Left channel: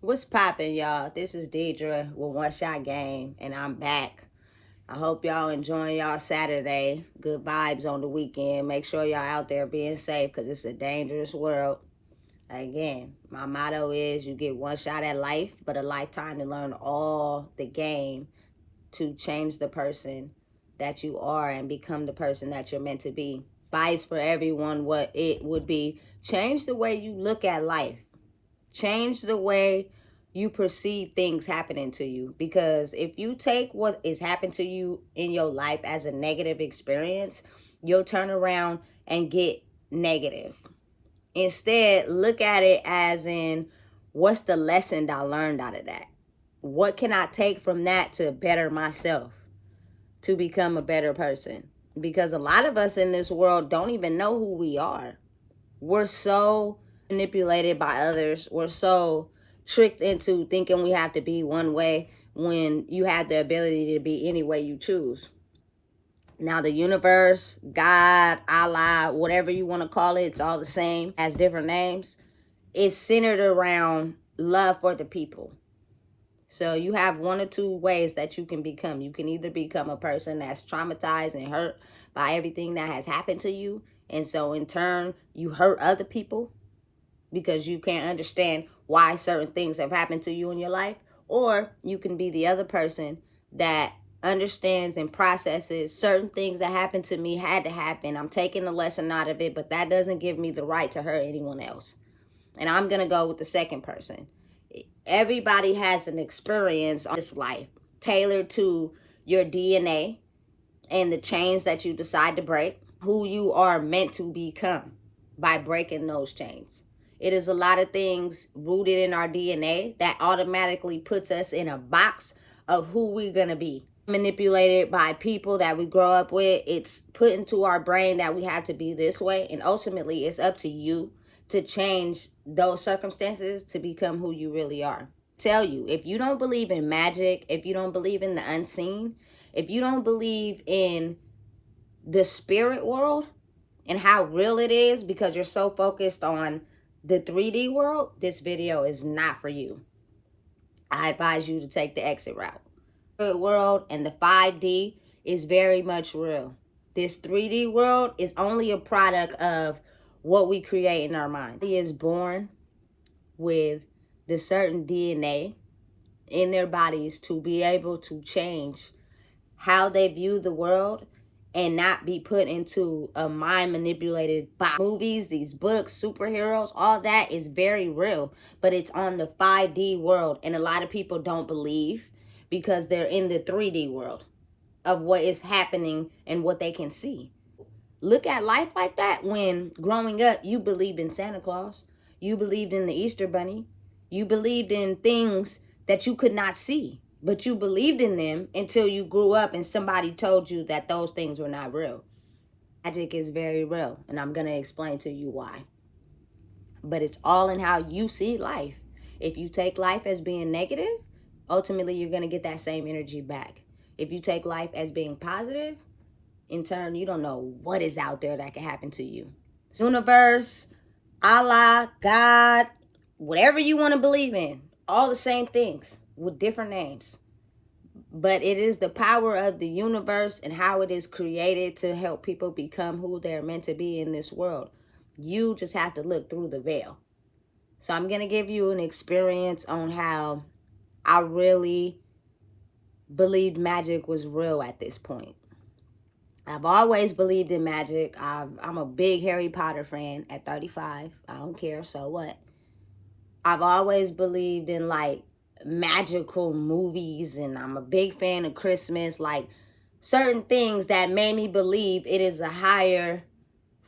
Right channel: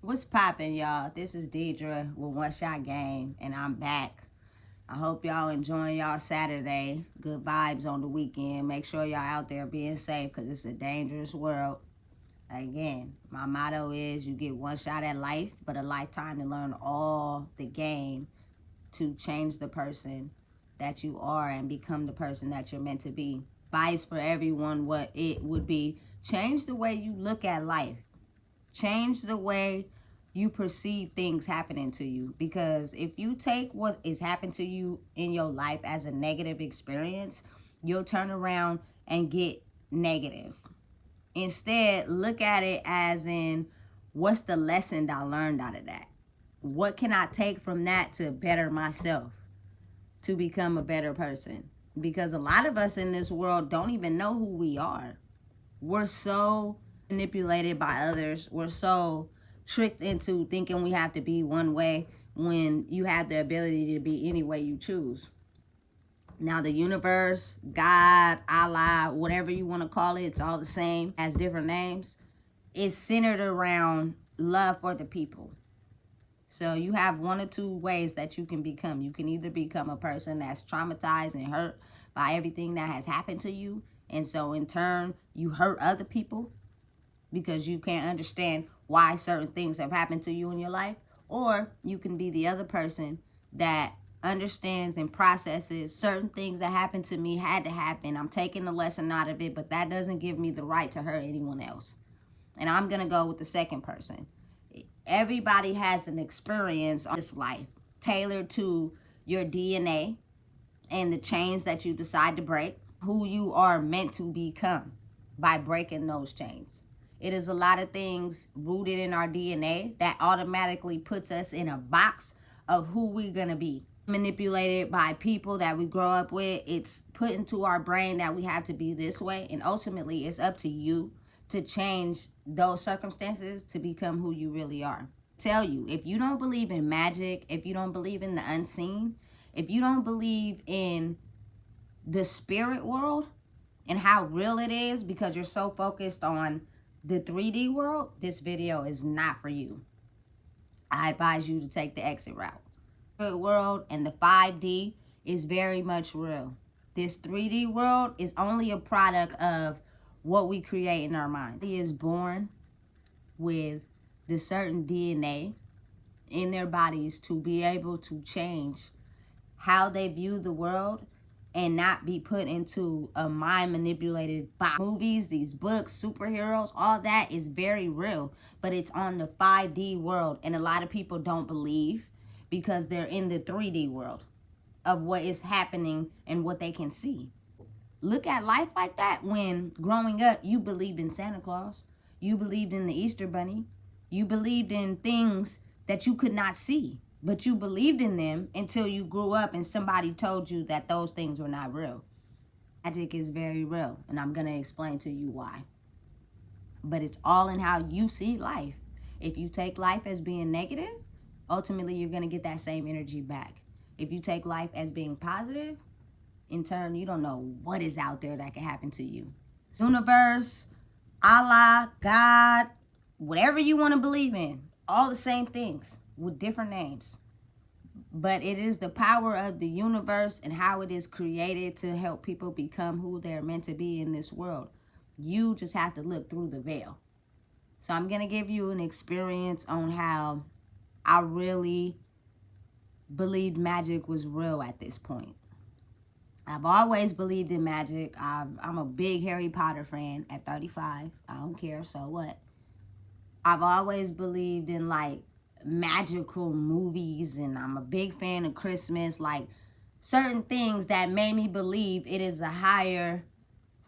What's poppin', y'all? This is Deidre with One Shot Game, and I'm back. I hope y'all enjoying y'all Saturday. Good vibes on the weekend. Make sure y'all out there being safe because it's a dangerous world. Again, my motto is you get one shot at life, but a lifetime to learn all the game to change the person that you are and become the person that you're meant to be. Advice for everyone, what it would be: change the way you look at life. Change the way you perceive things happening to you, because if you take what is happening to you in your life as a negative experience, you'll turn around and get negative. Instead, look at it as in, what's the lesson I learned out of that? What can I take from that to better myself, to become a better person? Because a lot of us in this world don't even know who we are. We're so manipulated by others. We're so tricked into thinking we have to be one way when you have the ability to be any way you choose. Now, the universe, God, Allah, whatever you want to call it, it's all the same, has different names. It's centered around love for the people. So you have one or two ways that you can become. You can either become a person that's traumatized and hurt by everything that has happened to you, and so in turn you hurt other people because you can't understand why certain things have happened to you in your life. Or you can be the other person that understands and processes certain things that happened to me had to happen. I'm taking the lesson out of it, but that doesn't give me the right to hurt anyone else. And I'm going to go with the second person. Everybody has an experience on this life tailored to your DNA and the chains that you decide to break, who you are meant to become by breaking those chains. It is a lot of things rooted in our DNA that automatically puts us in a box of who we're going to be. Manipulated by people that we grow up with. It's put into our brain that we have to be this way. And ultimately, it's up to you to change those circumstances to become who you really are. Tell you, if you don't believe in magic, if you don't believe in the unseen, if you don't believe in the spirit world and how real it is because you're so focused on the 3D world, this video is not for you. I advise you to take the exit route. The world and the 5D is very much real. This 3D world is only a product of what we create in our mind. He is born with the certain DNA in their bodies to be able to change how they view the world and not be put into a mind manipulated box. Movies, these books, superheroes, all that is very real, but it's on the 5D world, and a lot of people don't believe because they're in the 3D world of what is happening and what they can see. Look at life like that. When growing up, you believed in Santa Claus, you believed in the Easter Bunny, you believed in things that you could not see, but you believed in them until you grew up and somebody told you that those things were not real. Magic is very real, and I'm going to explain to you why. But it's all in how you see life. If you take life as being negative, ultimately you're going to get that same energy back. If you take life as being positive, in turn, you don't know what is out there that can happen to you. Universe, Allah, God, whatever you want to believe in, all the same things with different names. But it is the power of the universe and how it is created to help people become who they're meant to be in this world. You just have to look through the veil. So I'm going to give you an experience on how I really believed magic was real at this point. I've always believed in magic. I'm a big Harry Potter fan at 35. I don't care, so what? I've always believed in like magical movies, and I'm a big fan of Christmas. Like certain things that made me believe it is a higher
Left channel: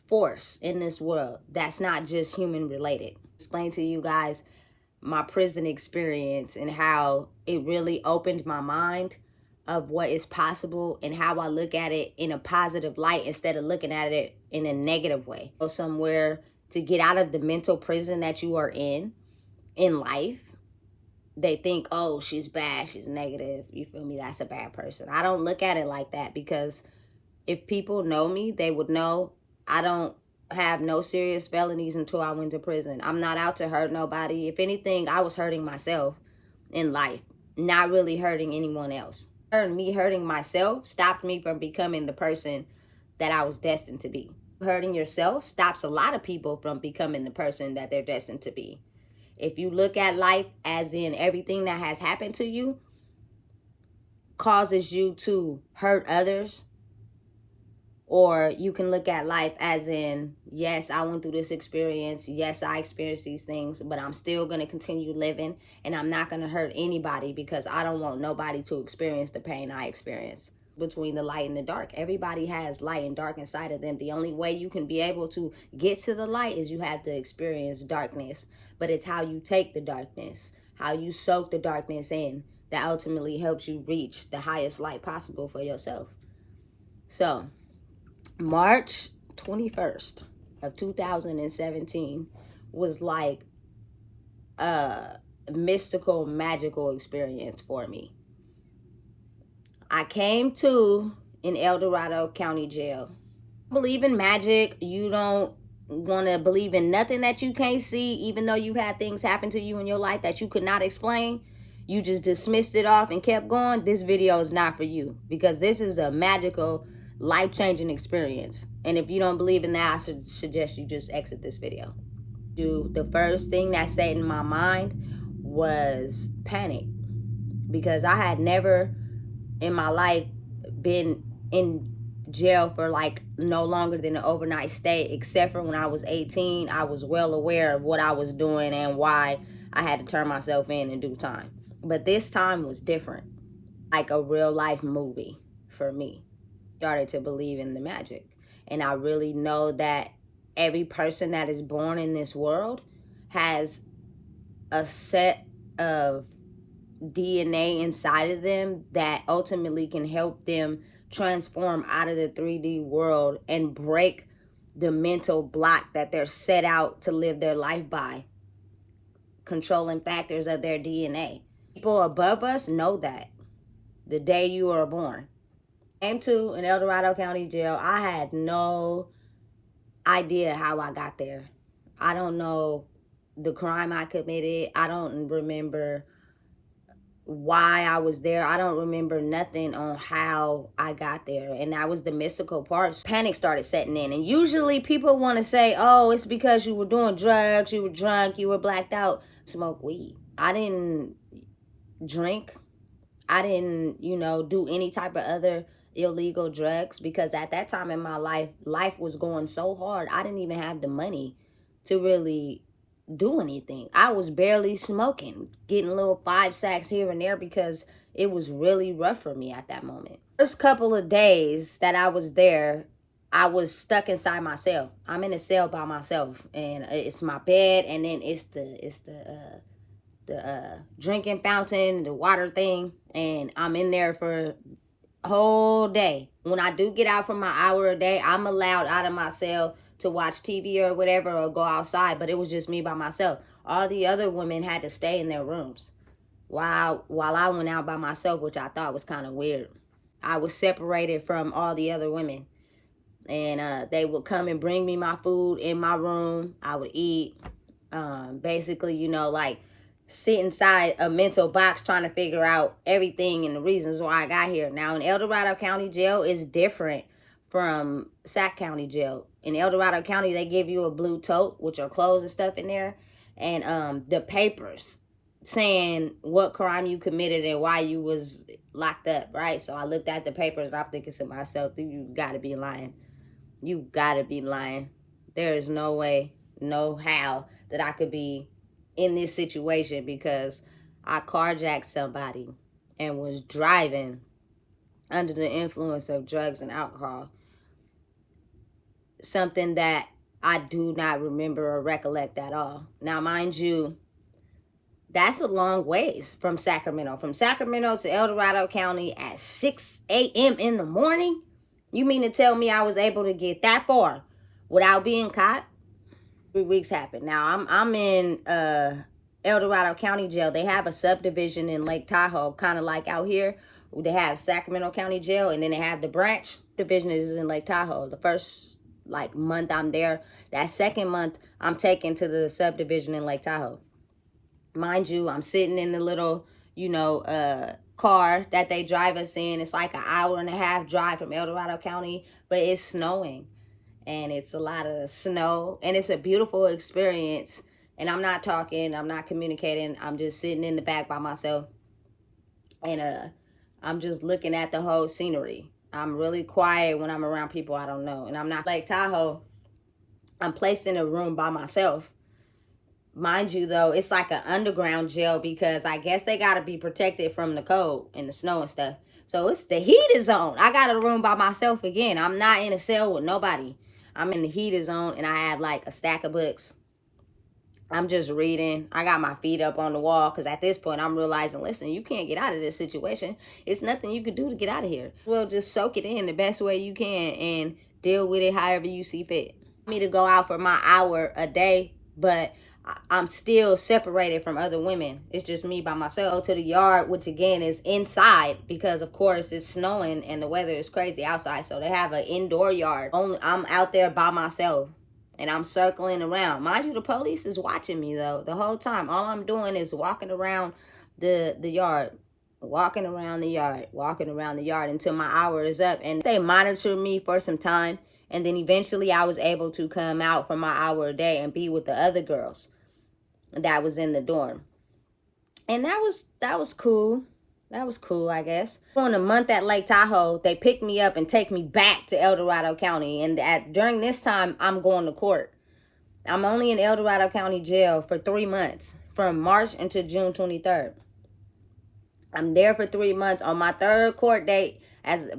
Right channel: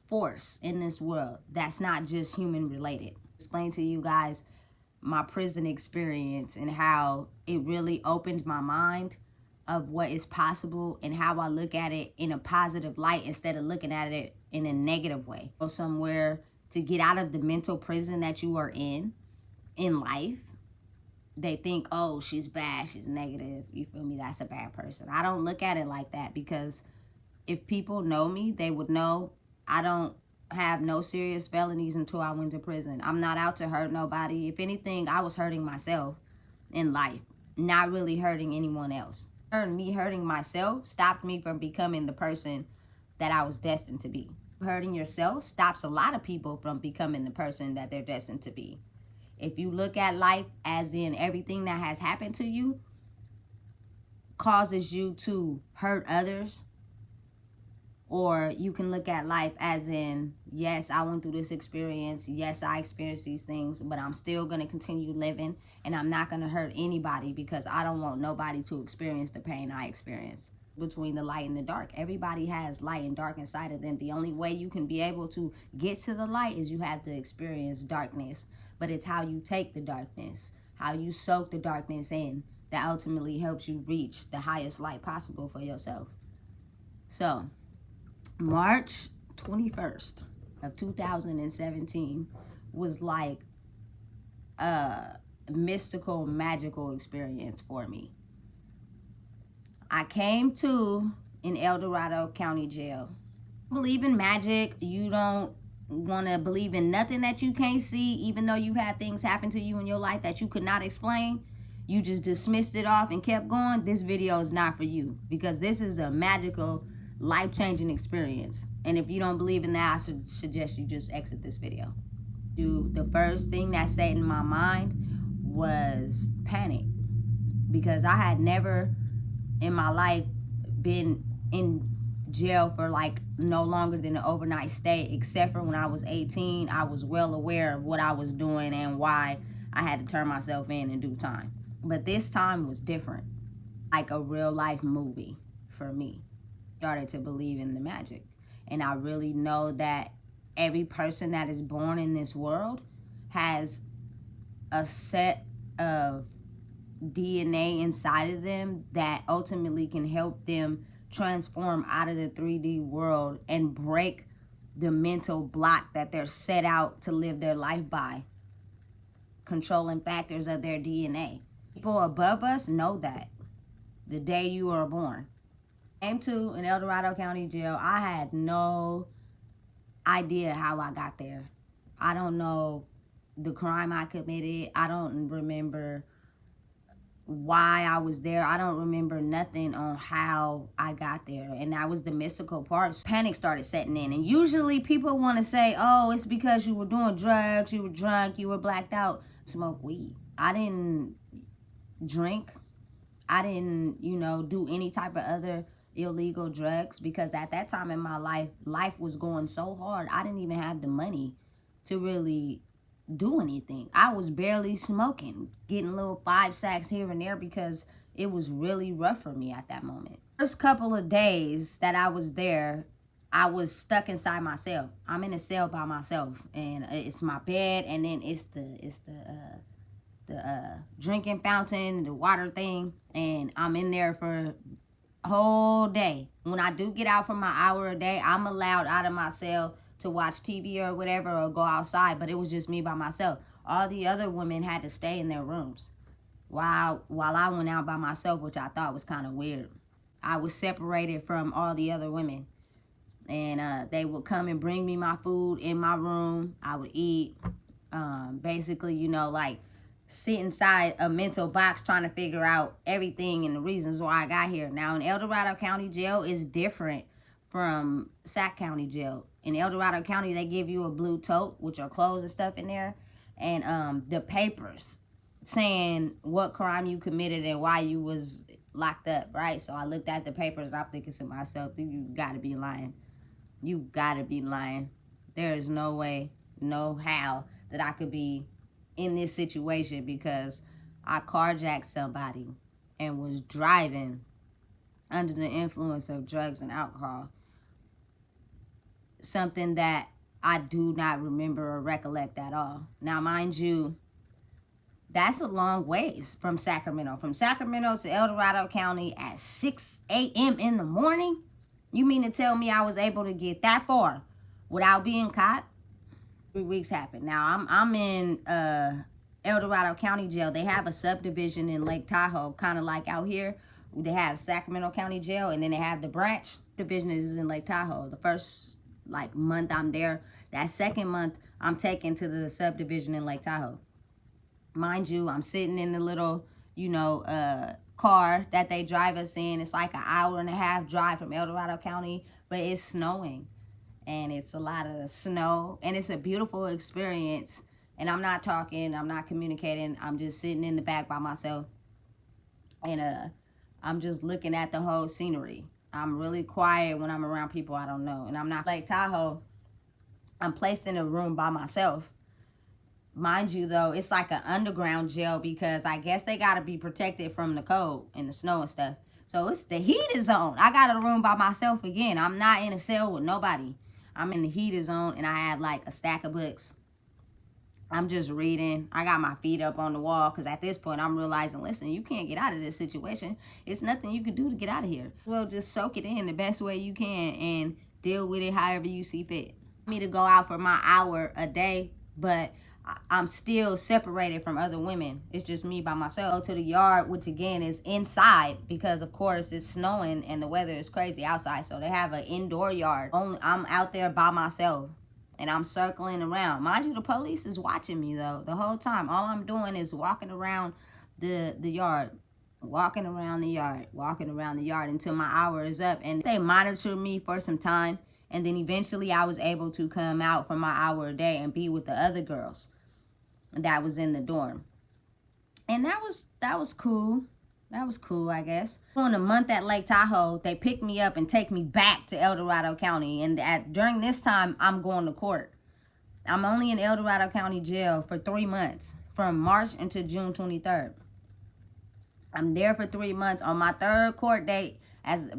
force in this world that's not just human related. Explain to you guys my prison experience and how it really opened my mind of what is possible and how I look at it in a positive light instead of looking at it in a negative way. Go somewhere to get out of the mental prison that you are in life. They think, oh, she's bad, she's negative, you feel me, that's a bad person. I don't look at it like that, because if people know me, they would know I don't have no serious felonies until I went to prison. I'm not out to hurt nobody. If anything, I was hurting myself in life, not really hurting anyone else. Me hurting myself stopped me from becoming the person that I was destined to be. Hurting yourself stops a lot of people from becoming the person that they're destined to be. If you look at life as in everything that has happened to you causes you to hurt others, or you can look at life as in, yes, I went through this experience. Yes, I experienced these things, but I'm still going to continue living, and I'm not going to hurt anybody because I don't want nobody to experience the pain I experienced. Between the light and the dark, everybody has light and dark inside of them. The only way you can be able to get to the light is you have to experience darkness, but it's how you take the darkness, how you soak the darkness in, that ultimately helps you reach the highest light possible for yourself. So March 21st of 2017 was like a mystical, magical experience for me. I came to in El Dorado County Jail. Believe in magic. You don't want to believe in nothing that you can't see, even though you had things happen to you in your life that you could not explain. You just dismissed it off and kept going. This video is not for you, because this is a magical, life-changing experience. And if you don't believe in that, I should suggest you just exit this video. The first thing that stayed in my mind was panic, because I had never in my life been in jail for like no longer than an overnight stay, except for when I was 18. I was well aware of what I was doing and why I had to turn myself in due time. But this time was different, like a real life movie for me. Started to believe in the magic, and I really know that every person that is born in this world has a set of DNA inside of them that ultimately can help them transform out of the 3D world and break the mental block that they're set out to live their life by, controlling factors of their DNA. People above us know that the day you were born. Came to in El Dorado County Jail. I had no idea how I got there. I don't know the crime I committed. I don't remember why I was there. I don't remember nothing on how I got there. And that was the mystical part. Panic started setting in. And usually people want to say, oh, it's because you were doing drugs, you were drunk, you were blacked out. Smoke weed. I didn't drink. I didn't, do any type of other illegal drugs, because at that time in my life was going so hard. I didn't even have the money to really do anything. I was barely smoking, getting little 5 sacks here and there, because it was really rough for me at that moment. First couple of days that I was there, I was stuck inside my cell. I'm in a cell by myself, and it's my bed, and then it's the drinking fountain, the water thing, and I'm in there for a whole day. When I do get out for my hour a day, I'm allowed out of my cell to watch TV or whatever, or go outside, but it was just me by myself. All the other women had to stay in their rooms while I went out by myself, which I thought was kind of weird. I was separated from all the other women, and they would come and bring me my food in my room. I would eat. Basically, like sit inside a mental box trying to figure out everything and the reasons why I got here. Now, in El Dorado County Jail is different from Sac County Jail. In El Dorado County, they give you a blue tote with your clothes and stuff in there, and the papers saying what crime you committed and why you was locked up, right? So I looked at the papers and I'm thinking to myself, you gotta be lying. You gotta be lying. There is no way, no how that I could be in this situation, because I carjacked somebody and was driving under the influence of drugs and alcohol. Something that I do not remember or recollect at all. Now, mind you, that's a long ways from Sacramento. From Sacramento to El Dorado County at 6 a.m. in the morning? You mean to tell me I was able to get that far without being caught? 3 weeks happened. Now, I'm in El Dorado County Jail. They have a subdivision in Lake Tahoe, kind of like out here. They have Sacramento County Jail, and then they have the branch division is in Lake Tahoe. The first like month I'm there, that second month I'm taken to the subdivision in Lake Tahoe. Mind you, I'm sitting in the little, car that they drive us in. It's like an hour and a half drive from El Dorado County, but it's snowing, and it's a lot of snow, and it's a beautiful experience. And I'm not talking, I'm not communicating, I'm just sitting in the back by myself, and I'm just looking at the whole scenery. I'm really quiet when I'm around people I don't know, and I'm not. Lake Tahoe, I'm placed in a room by myself. Mind you, though, it's like an underground jail because I guess they got to be protected from the cold and the snow and stuff. So it's the heated zone. I got a room by myself again. I'm not in a cell with nobody. I'm in the heated zone, and I have like a stack of books. I'm just reading. I got my feet up on the wall because at this point I'm realizing, listen, you can't get out of this situation. It's nothing you can do to get out of here. Well, just soak it in the best way you can and deal with it however you see fit. Me to go out for my hour a day, but I'm still separated from other women. It's just me by myself. Go to the yard, which again is inside because of course it's snowing and the weather is crazy outside. So they have an indoor yard. I'm out there by myself and I'm circling around. Mind you, the police is watching me though the whole time. All I'm doing is walking around the yard. Walking around the yard until my hour is up. And they monitor me for some time. And then eventually I was able to come out for my hour a day and be with the other girls that was in the dorm. And that was cool. That was cool, I guess. On a month at Lake Tahoe, they pick me up and take me back to El Dorado County. And during this time, I'm going to court. I'm only in El Dorado County Jail for 3 months, from March until June 23rd. I'm there for 3 months. On my third court date,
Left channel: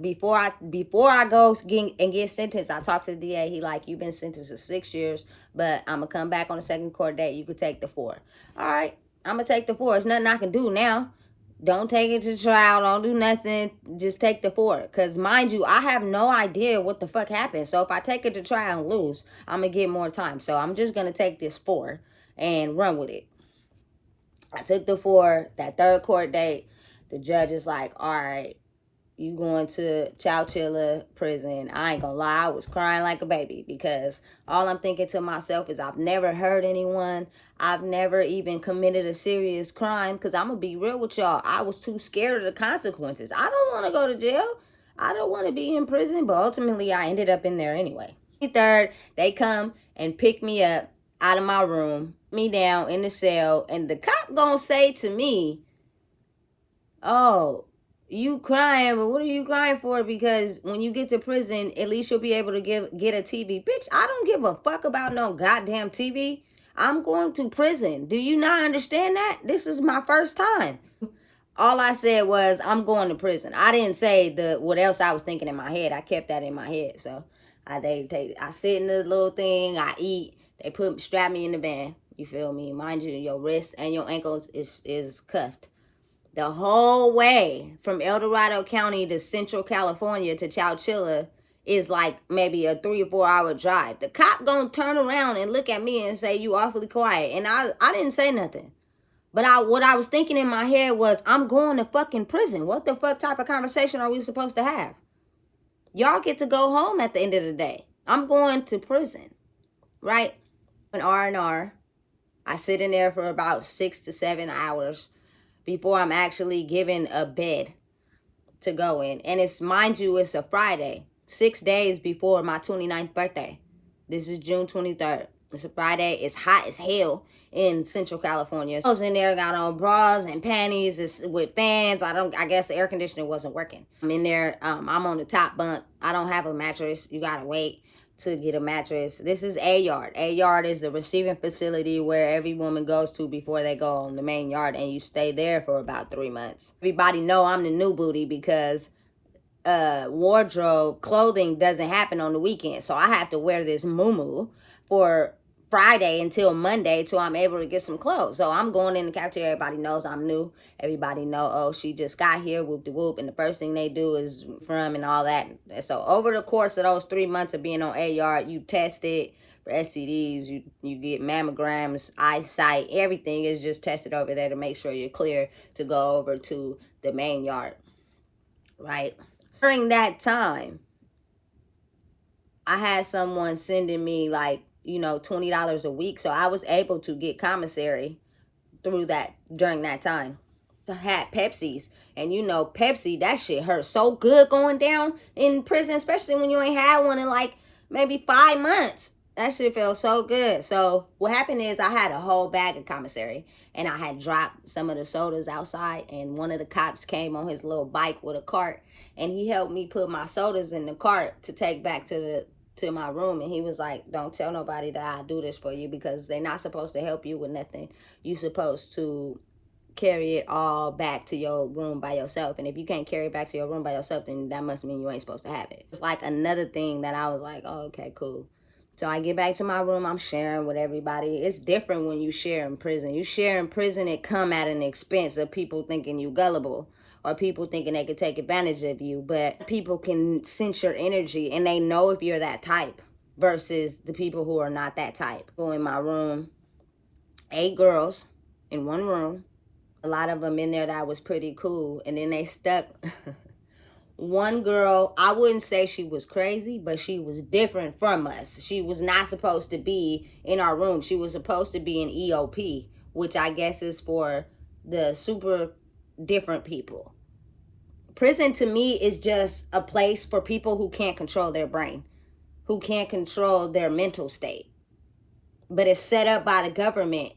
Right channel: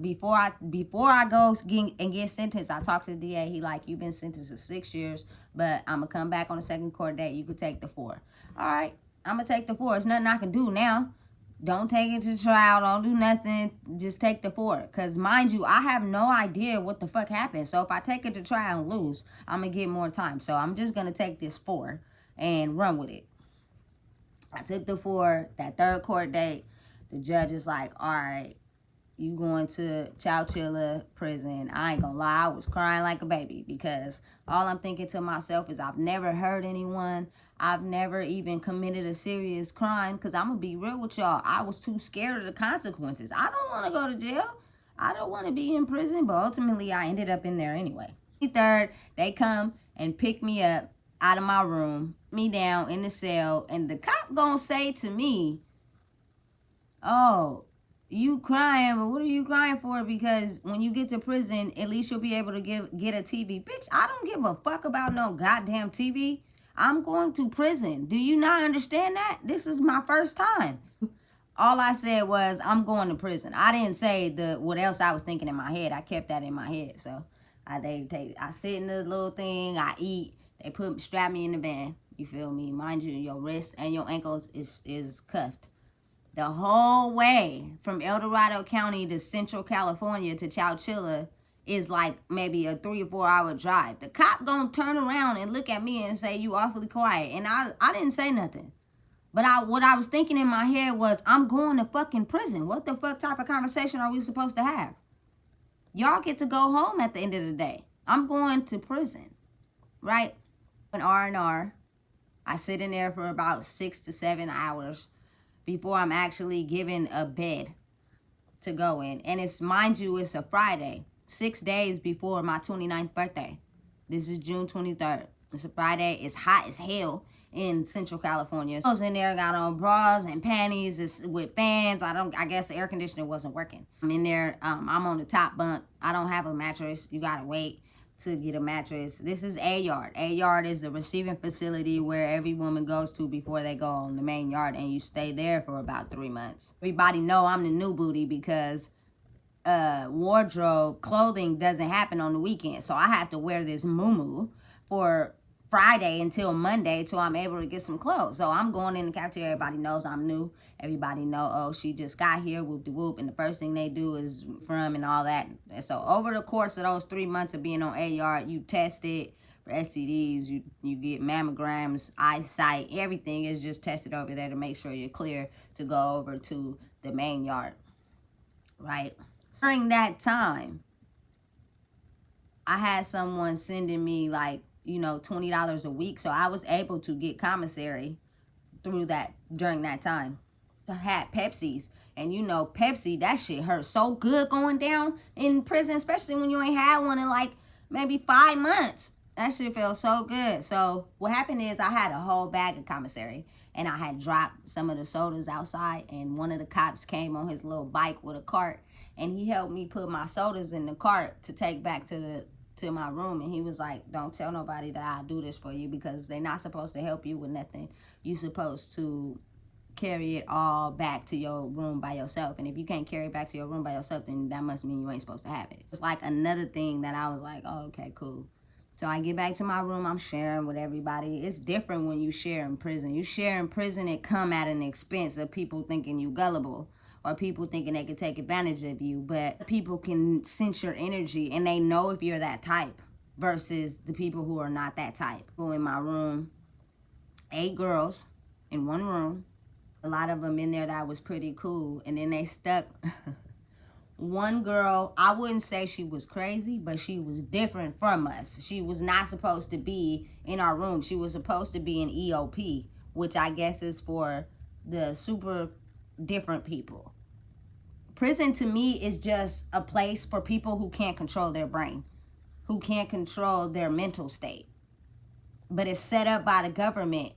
before I go and get sentenced, I talked to the DA. He like, you've been sentenced to 6 years, but I'm gonna come back on the second court date. You could take the 4. All right, I'm gonna take the 4. There's nothing I can do now. Don't take it to trial. Don't do nothing. Just take the 4. Because mind you, I have no idea what the fuck happened. So if I take it to trial and lose, I'm going to get more time. So I'm just going to take this 4 and run with it. I took the 4, that third court date. The judge is like, all right, you going to Chowchilla prison. I ain't gonna lie, I was crying like a baby because all I'm thinking to myself is I've never hurt anyone. I've never even committed a serious crime because I'm gonna be real with y'all. I was too scared of the consequences. I don't want to go to jail. I don't want to be in prison, but ultimately I ended up in there anyway. Third, they come and pick me up out of my room, me down in the cell, and the cop gonna say to me, oh, you crying, but what are you crying for? Because when you get to prison, at least you'll be able to get a TV. Bitch, I don't give a fuck about no goddamn TV. I'm going to prison. Do you not understand that? This is my first time. All I said was, I'm going to prison. I didn't say what else I was thinking in my head. I kept that in my head. So I sit in the little thing, I eat. They strap me in the van. You feel me? Mind you, your wrists and your ankles is cuffed. The whole way from El Dorado County to Central California to Chowchilla is like maybe a 3 or 4 hour drive. The cop gonna turn around and look at me and say, you awfully quiet. And I didn't say nothing. But what I was thinking in my head was, I'm going to fucking prison. What the fuck type of conversation are we supposed to have? Y'all get to go home at the end of the day. I'm going to prison, right? An R&R. I sit in there for about 6 to 7 hours before I'm actually given a bed to go in. And it's, mind you, it's a Friday, 6 days before my 29th birthday. This is June 23rd. It's a Friday. It's hot as hell in Central California. I was in there, got on bras and panties. It's with fans. I guess the air conditioner wasn't working. I'm in there. I'm on the top bunk. I don't have a mattress. You gotta wait to get a mattress. This is A yard. A yard is the receiving facility where every woman goes to before they go on the main yard, and you stay there for about 3 months. Everybody know I'm the new booty because wardrobe clothing doesn't happen on the weekend, so I have to wear this muumuu for Friday until Monday till I'm able to get some clothes. So I'm going in the cafeteria. Everybody knows I'm new. Everybody know, oh, she just got here, whoop de whoop. And the first thing they do is from and all that. And so over the course of those 3 months of being on A yard, you tested for STDs, you get mammograms, eyesight, everything is just tested over there to make sure you're clear to go over to the main yard, right? During that time, I had someone sending me like, $20 a week. So I was able to get commissary through that during that time. I had Pepsis, and Pepsi, that shit hurt so good going down in prison, especially when you ain't had one in like maybe 5 months. That shit felt so good. So what happened is I had a whole bag of commissary, and I had dropped some of the sodas outside, and one of the cops came on his little bike with a cart, and he helped me put my sodas in the cart to take back to my room. And he was like, don't tell nobody that I do this for you, because they're not supposed to help you with nothing. You supposed to carry it all back to your room by yourself. And if you can't carry it back to your room by yourself, then that must mean you ain't supposed to have it. It's like another thing that I was like, oh, okay, cool. So I get back to my room, I'm sharing with everybody. It's different when you share in prison. You share in prison, it come at an expense of people thinking you gullible, or people thinking they could take advantage of you. But people can sense your energy, and they know if you're that type versus the people who are not that type. In my room, 8 girls in one room. A lot of them in there that was pretty cool. And then they stuck one girl. I wouldn't say she was crazy, but she was different from us. She was not supposed to be in our room. She was supposed to be in EOP, which I guess is for the super different people. Prison to me is just a place for people who can't control their brain, who can't control their mental state. But it's set up by the government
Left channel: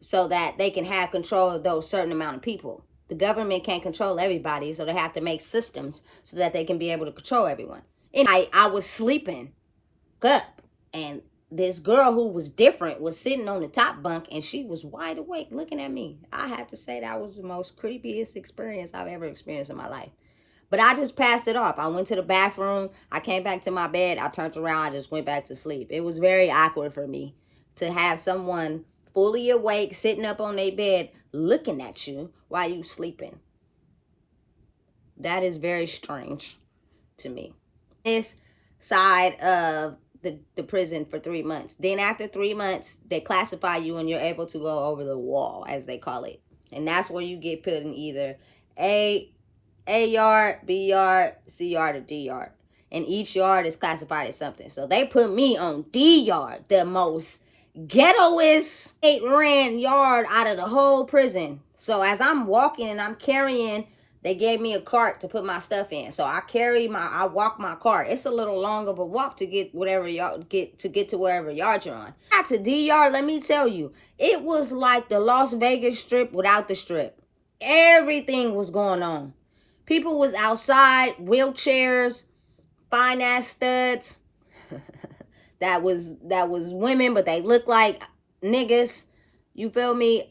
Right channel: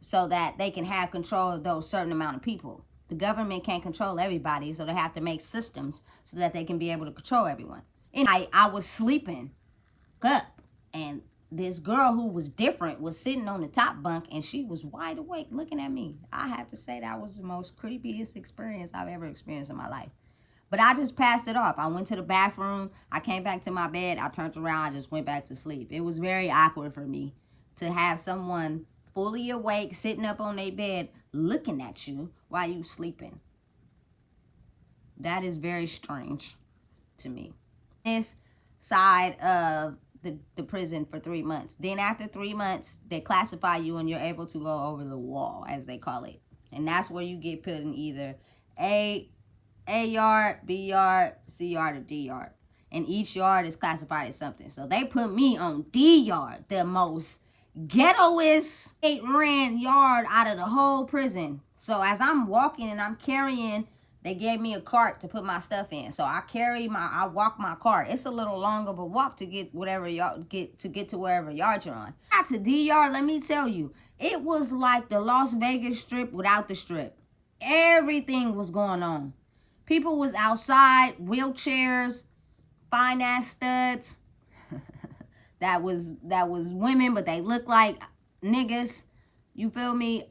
so that they can have control of those certain amount of people. The government can't control everybody, so they have to make systems so that they can be able to control everyone. And I was sleeping up, and this girl who was different was sitting on the top bunk, and she was wide awake looking at me. I have to say that was the most creepiest experience I've ever experienced in my life. But I just passed it off. I went to the bathroom. I came back to my bed. I turned around. I just went back to sleep. It was very awkward for me to have someone fully awake, sitting up on their bed, looking at you while you sleeping. That is very strange to me. This side of the prison for 3 months. Then after 3 months, they classify you and you're able to go over the wall, as they call it. And that's where you get put in either A yard, B yard, C yard, or D yard. And each yard is classified as something. So they put me on D yard, the most ghettoest 8 rand yard out of the whole prison. So as I'm walking and I'm carrying, they gave me a cart to put my stuff in. So I walk my cart. It's a little long of a walk to get to wherever yard you're on. Got to D yard, let me tell you, it was like the Las Vegas Strip without the strip. Everything was going on. People was outside, wheelchairs, fine ass studs. that was women, but they looked like niggas. You feel me?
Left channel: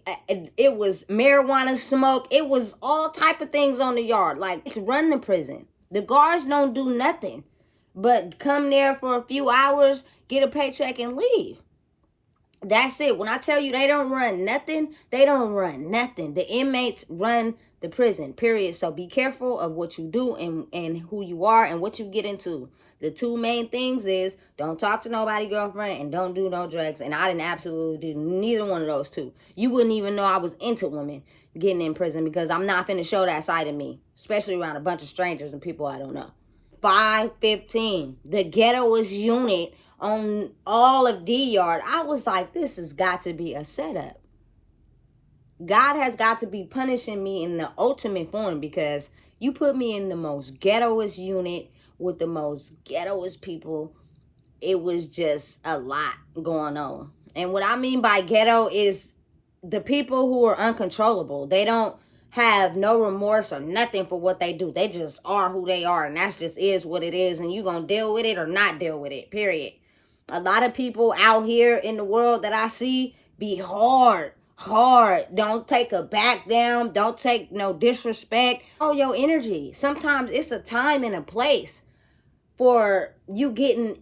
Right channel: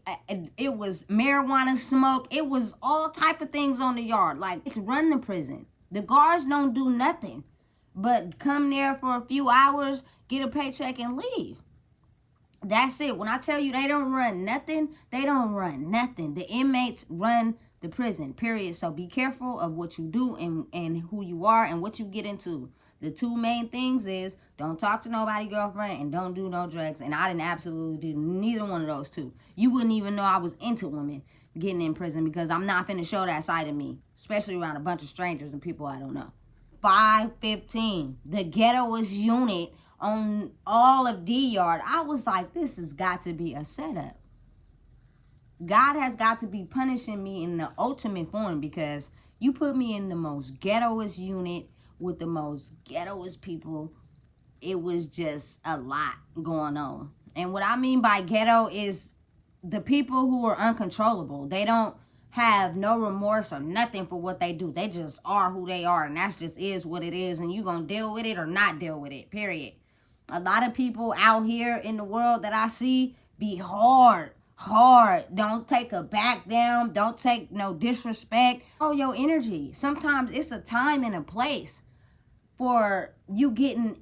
It was marijuana smoke. It was all type of things on the yard. Like, it's run the prison. The guards don't do nothing but come there for a few hours, get a paycheck, and leave. That's it. When I tell you they don't run nothing, they don't run nothing. The inmates run the prison, period. So be careful of what you do and who you are and what you get into. The 2 main things is don't talk to nobody, girlfriend, and don't do no drugs. And I didn't absolutely do neither one of those 2. You wouldn't even know I was into women getting in prison, because I'm not finna show that side of me, especially around a bunch of strangers and people I don't know. 515, the ghettoest unit on all of D yard. I was like, this has got to be a setup. God has got to be punishing me in the ultimate form, because you put me in the most ghettoest unit with the most ghettoest people. It was just a lot going on. And what I mean by ghetto is the people who are uncontrollable. They don't have no remorse or nothing for what they do. They just are who they are, and that just is what it is, and you gonna deal with it or not deal with it, period. A lot of people out here in the world that I see be hard. Don't take a back down. Don't take no disrespect. Oh, your energy. Sometimes it's a time and a place for you getting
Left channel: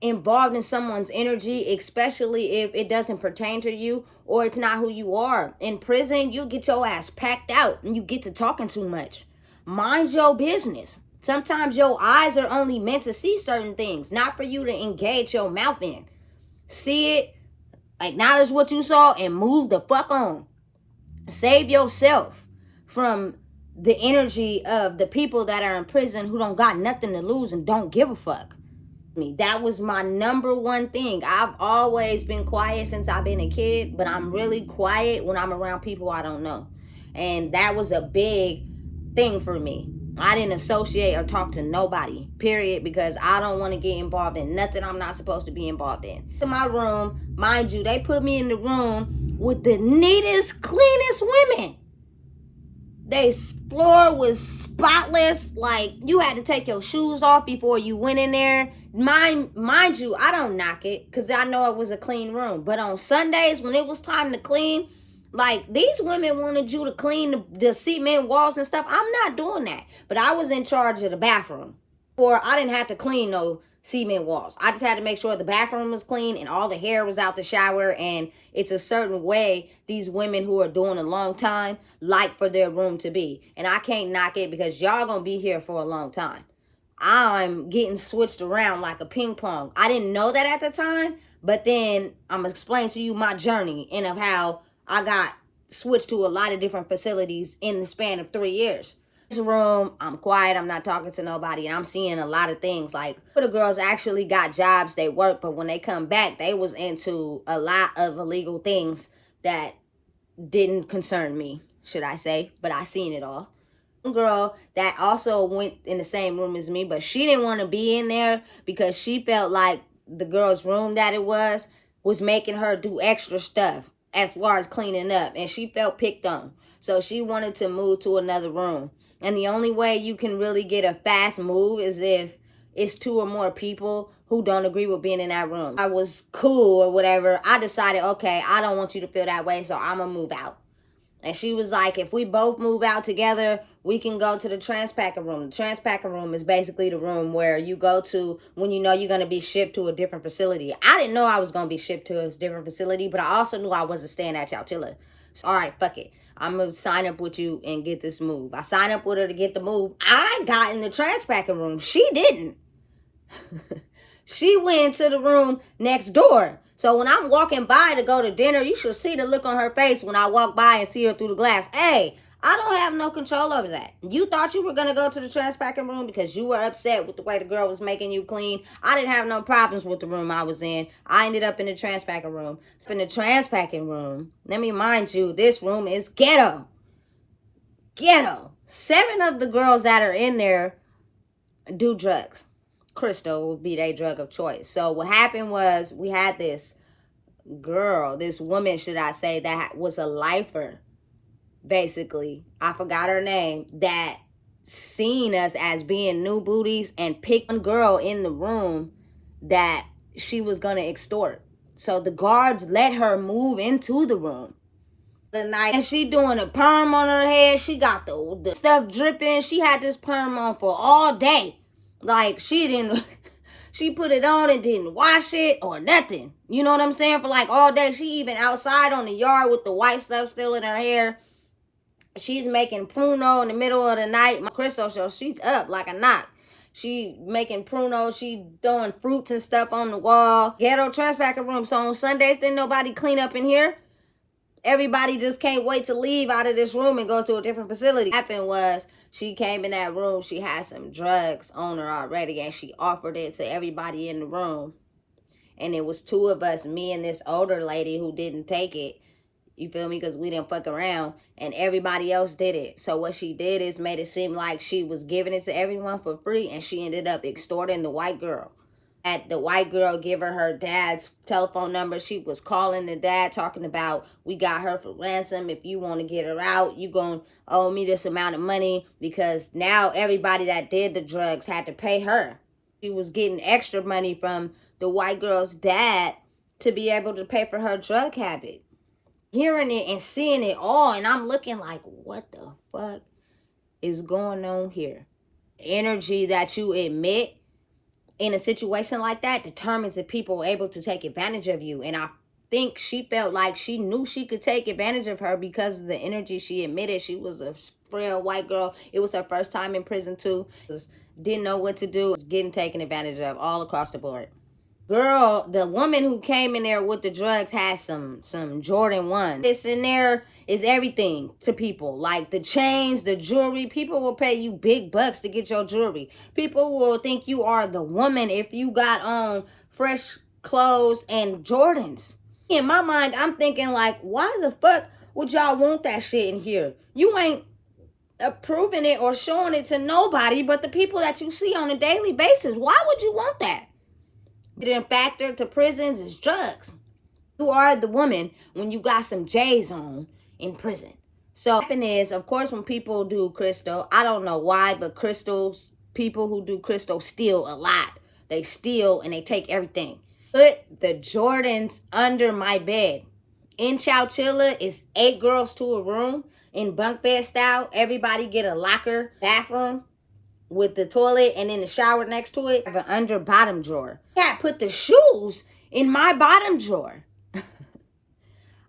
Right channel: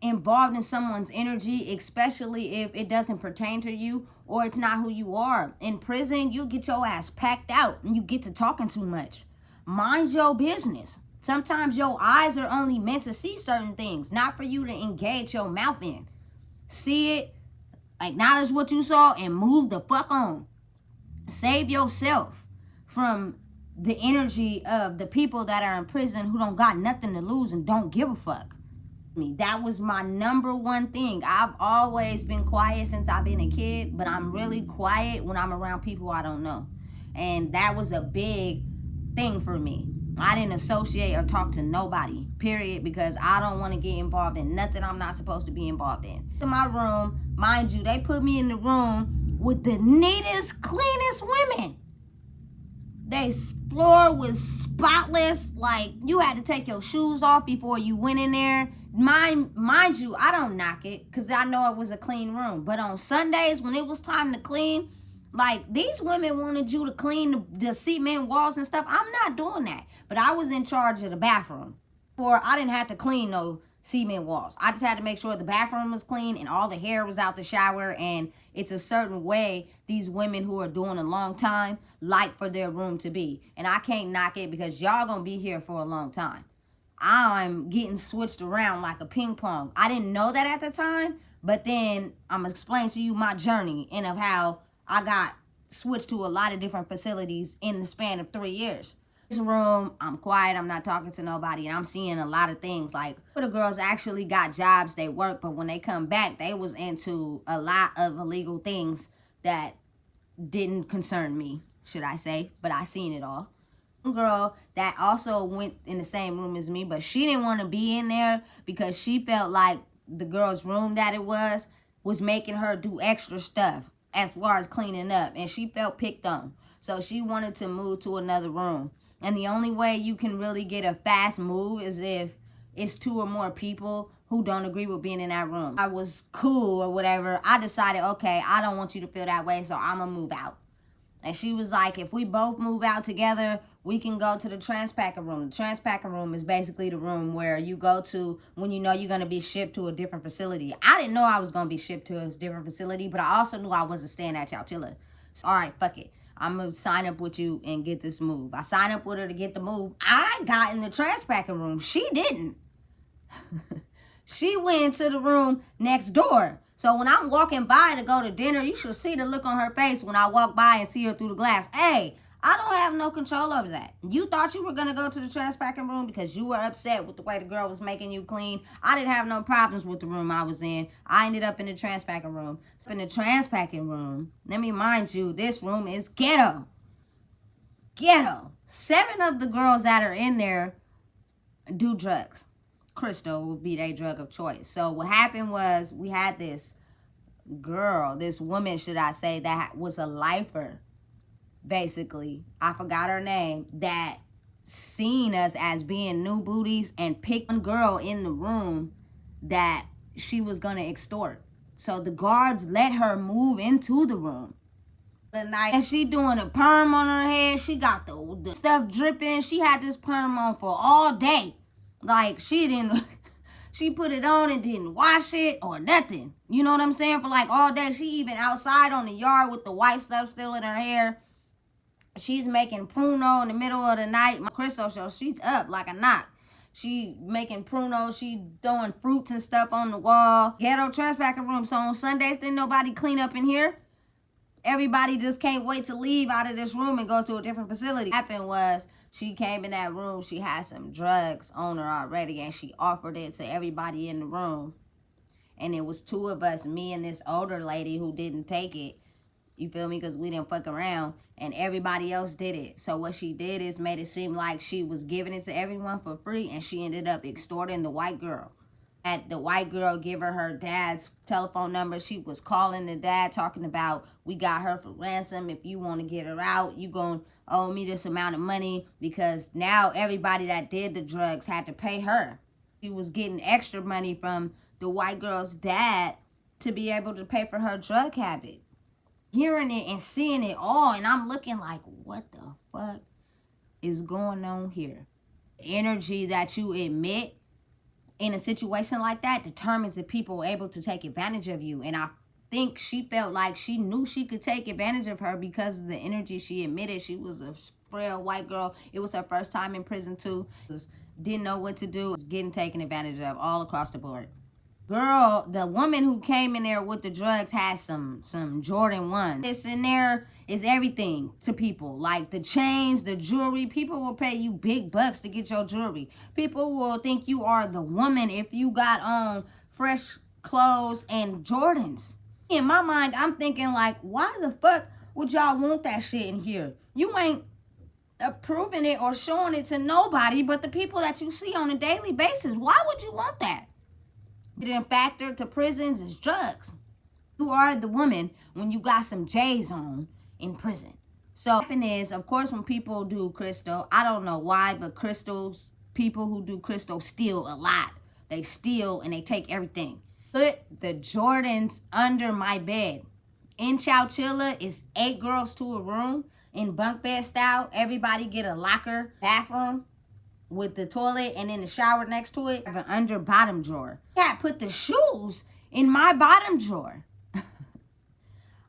involved in someone's energy, especially if it doesn't pertain to you or it's not who you are. In prison, you get your ass packed out and you get to talking too much. Mind your business. Sometimes your eyes are only meant to see certain things, not for you to engage your mouth in. See it, acknowledge what you saw, and move the fuck on. Save yourself from the energy of the people that are in prison who don't got nothing to lose and don't give a fuck. me. That was my number one thing. I've always been quiet since I've been a kid, but I'm really quiet when I'm around people I don't know. And that was a big thing for me. I didn't associate or talk to nobody, period, because I don't want to get involved in nothing I'm not supposed to be involved in. In my room, mind you, they put me in the room with the neatest, cleanest women. They floor was spotless. Like, you had to take your shoes off before you went in there. Mind you, I don't knock it because I know it was a clean room. But on Sundays, when it was time to clean, like, these women wanted you to clean the cement walls and stuff. I'm not doing that. But I was in charge of the bathroom. Or I didn't have to clean no cement walls. I just had to make sure the bathroom was clean and all the hair was out the shower. And it's a certain way these women who are doing a long time like for their room to be. And I can't knock it because y'all gonna be here for a long time. I'm getting switched around like a ping pong. I didn't know that at the time, but then I'm gonna explain to you my journey and of how I got switched to a lot of different facilities in the span of 3 years. Room, I'm quiet, I'm not talking to nobody, and I'm seeing a lot of things. Like, the girls actually got jobs, they work, but when they come back, they was into a lot of illegal things that didn't concern me, should I say, but I seen it all. Girl that also went in the same room as me, but she didn't want to be in there because she felt like the girl's room that it was making her do extra stuff as far as cleaning up, and she felt picked on, so she wanted to move to another room. And the only way you can really get a fast move is if it's 2 or more people who don't agree with being in that room. I was cool or whatever. I decided, okay, I don't want you to feel that way, so I'm gonna move out. And she was like, if we both move out together, we can go to the transpacking room. The transpacking room is basically the room where you go to when you know you're going to be shipped to a different facility. I didn't know I was going to be shipped to a different facility, but I also knew I wasn't staying at Chowchilla. So, all right, fuck it. I'm going to sign up with you and get this move. I signed up with her to get the move. I got in the transpacking room. She didn't. She went to the room next door. So when I'm walking by to go to dinner, you should see the look on her face when I walk by and see her through the glass. Hey, I don't have no control over that. You thought you were going to go to the trash packing room because you were upset with the way the girl was making you clean. I didn't have no problems with the room I was in. I ended up in the trash packing room. In the trash packing room, let me mind you, this room is ghetto. Ghetto. 7 of the girls that are in there do drugs. Crystal would be their drug of choice. So what happened was we had this girl, this woman, should I say, that was a lifer, basically. I forgot her name, that seen us as being new booties and picked one girl in the room that she was going to extort. So the guards let her move into the room the night, and she doing a perm on her head. She got the stuff dripping. She had this perm on for all day. Like, she didn't, she put it on and didn't wash it or nothing. You know what I'm saying? For like all day. She even outside on the yard with the white stuff still in her hair. She's making pruno in the middle of the night. My Crystal show, she's up like a knot. She making pruno. She throwing fruits and stuff on the wall. Ghetto trash packing room. So on Sundays, didn't nobody clean up in here. Everybody just can't wait to leave out of this room and go to a different facility. What happened was, she came in that room, she had some drugs on her already, and she offered it to everybody in the room. And it was 2 of us, me and this older lady who didn't take it. You feel me? Because we didn't fuck around. And everybody else did it. So what she did is made it seem like she was giving it to everyone for free, and she ended up extorting the white girl. At the white girl give her dad's telephone number. She was calling the dad talking about, we got her for ransom. If you want to get her out, you gonna owe me this amount of money, because now everybody that did the drugs had to pay her. She was getting extra money from the white girl's dad to be able to pay for her drug habit. Hearing it and seeing it all, and I'm looking like, what the fuck is going on here? Energy that you emit in a situation like that determines if people were able to take advantage of you. And I think she felt like she knew she could take advantage of her because of the energy she emitted. She was a frail white girl. It was her first time in prison too. Didn't know what to do. Was getting taken advantage of all across the board. Girl, the woman who came in there with the drugs had some Jordan 1. This in there is everything to people. Like the chains, the jewelry. People will pay you big bucks to get your jewelry. People will think you are the woman if you got on fresh clothes and Jordans. In my mind, I'm thinking like, why the fuck would y'all want that shit in here? You ain't approving it or showing it to nobody but the people that you see on a daily basis. Why would you want that? The factor to prisons is drugs. You are the woman when you got some J's on in prison. So what happens is, of course, when people do crystal, I don't know why, but crystals, people who do crystal steal a lot. They steal and they take everything. Put the Jordans under my bed. In Chowchilla, it's 8 girls to a room in bunk bed style. Everybody get a locker bathroom with the toilet and then the shower next to it. I have an under bottom drawer. Yeah, put the shoes in my bottom drawer.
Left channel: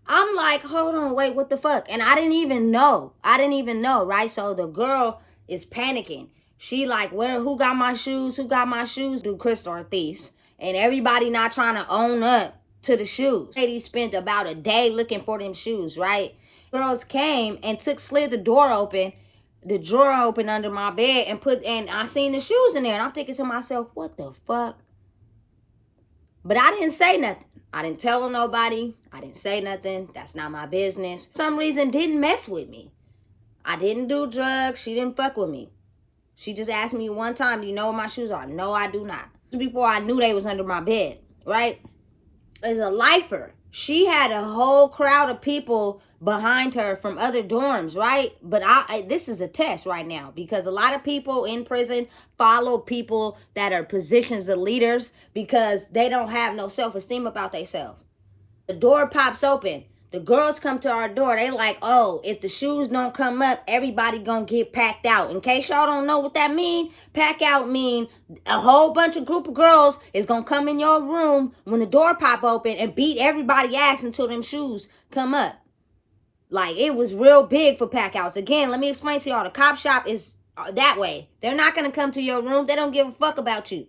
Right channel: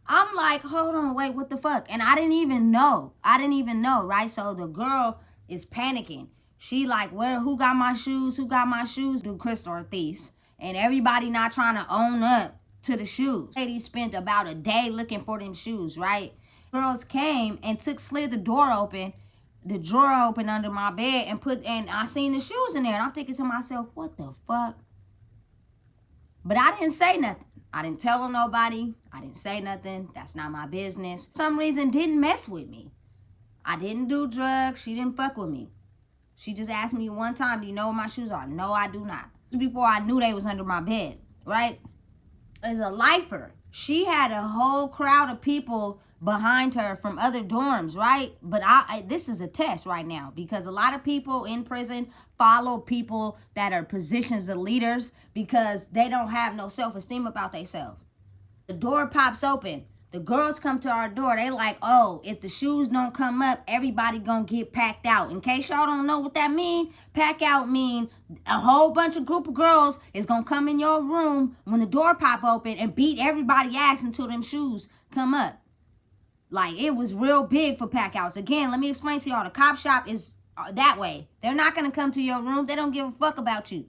I'm like, hold on, wait, what the fuck? And I didn't even know. Right? So the girl is panicking. She like, who got my shoes? Who got my shoes? Do crystal or thieves. And everybody not trying to own up to the shoes. Lady spent about a day looking for them shoes, right? Girls came and slid the door open, the drawer open under my bed and I seen the shoes in there. And I'm thinking to myself, what the fuck? But I didn't say nothing. I didn't tell nobody. I didn't say nothing. That's not my business. For some reason, didn't mess with me. I didn't do drugs. She didn't fuck with me. She just asked me one time, do you know where my shoes are? No, I do not. Before I knew they was under my bed, right? As a lifer, she had a whole crowd of people behind her from other dorms, right? But this is a test right now because a lot of people in prison follow people that are positions of leaders because they don't have no self-esteem about themselves. The door pops open. The girls come to our door. They like, oh, if the shoes don't come up, everybody gonna get packed out. In case y'all don't know what that mean, pack out mean a whole bunch of group of girls is gonna come in your room when the door pop open and beat everybody ass until them shoes come up. Like, it was real big for pack outs. Again, let me explain to y'all. The cop shop is that way. They're not gonna come to your room. They don't give a fuck about you.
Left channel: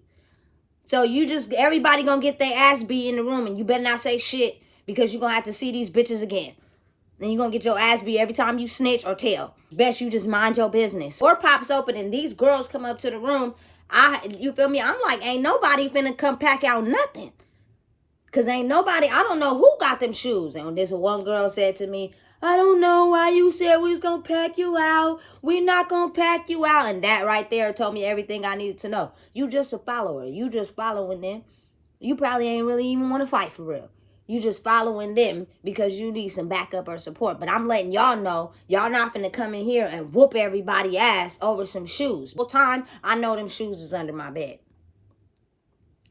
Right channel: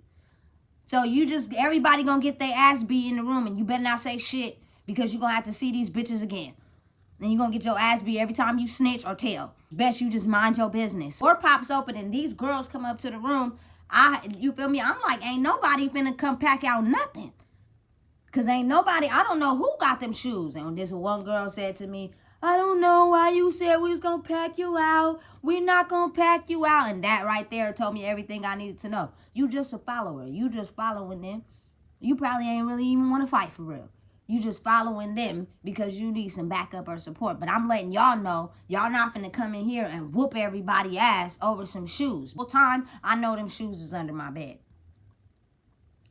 So everybody gonna get their ass beat in the room and you better not say shit because you're gonna have to see these bitches again. And you're gonna get your ass beat every time you snitch or tell. Best you just mind your business. Door pops open and these girls come up to the room. You feel me? I'm like, ain't nobody finna come pack out nothing. Cause ain't nobody, I don't know who got them shoes. And this one girl said to me, I don't know why you said we was gonna pack you out. We not gonna pack you out. And that right there told me everything I needed to know. You just a follower. You just following them. You probably ain't really even want to fight for real. You just following them because you need some backup or support. But I'm letting y'all know, y'all not finna come in here and whoop everybody ass over some shoes. Full time, I know them shoes is under my bed.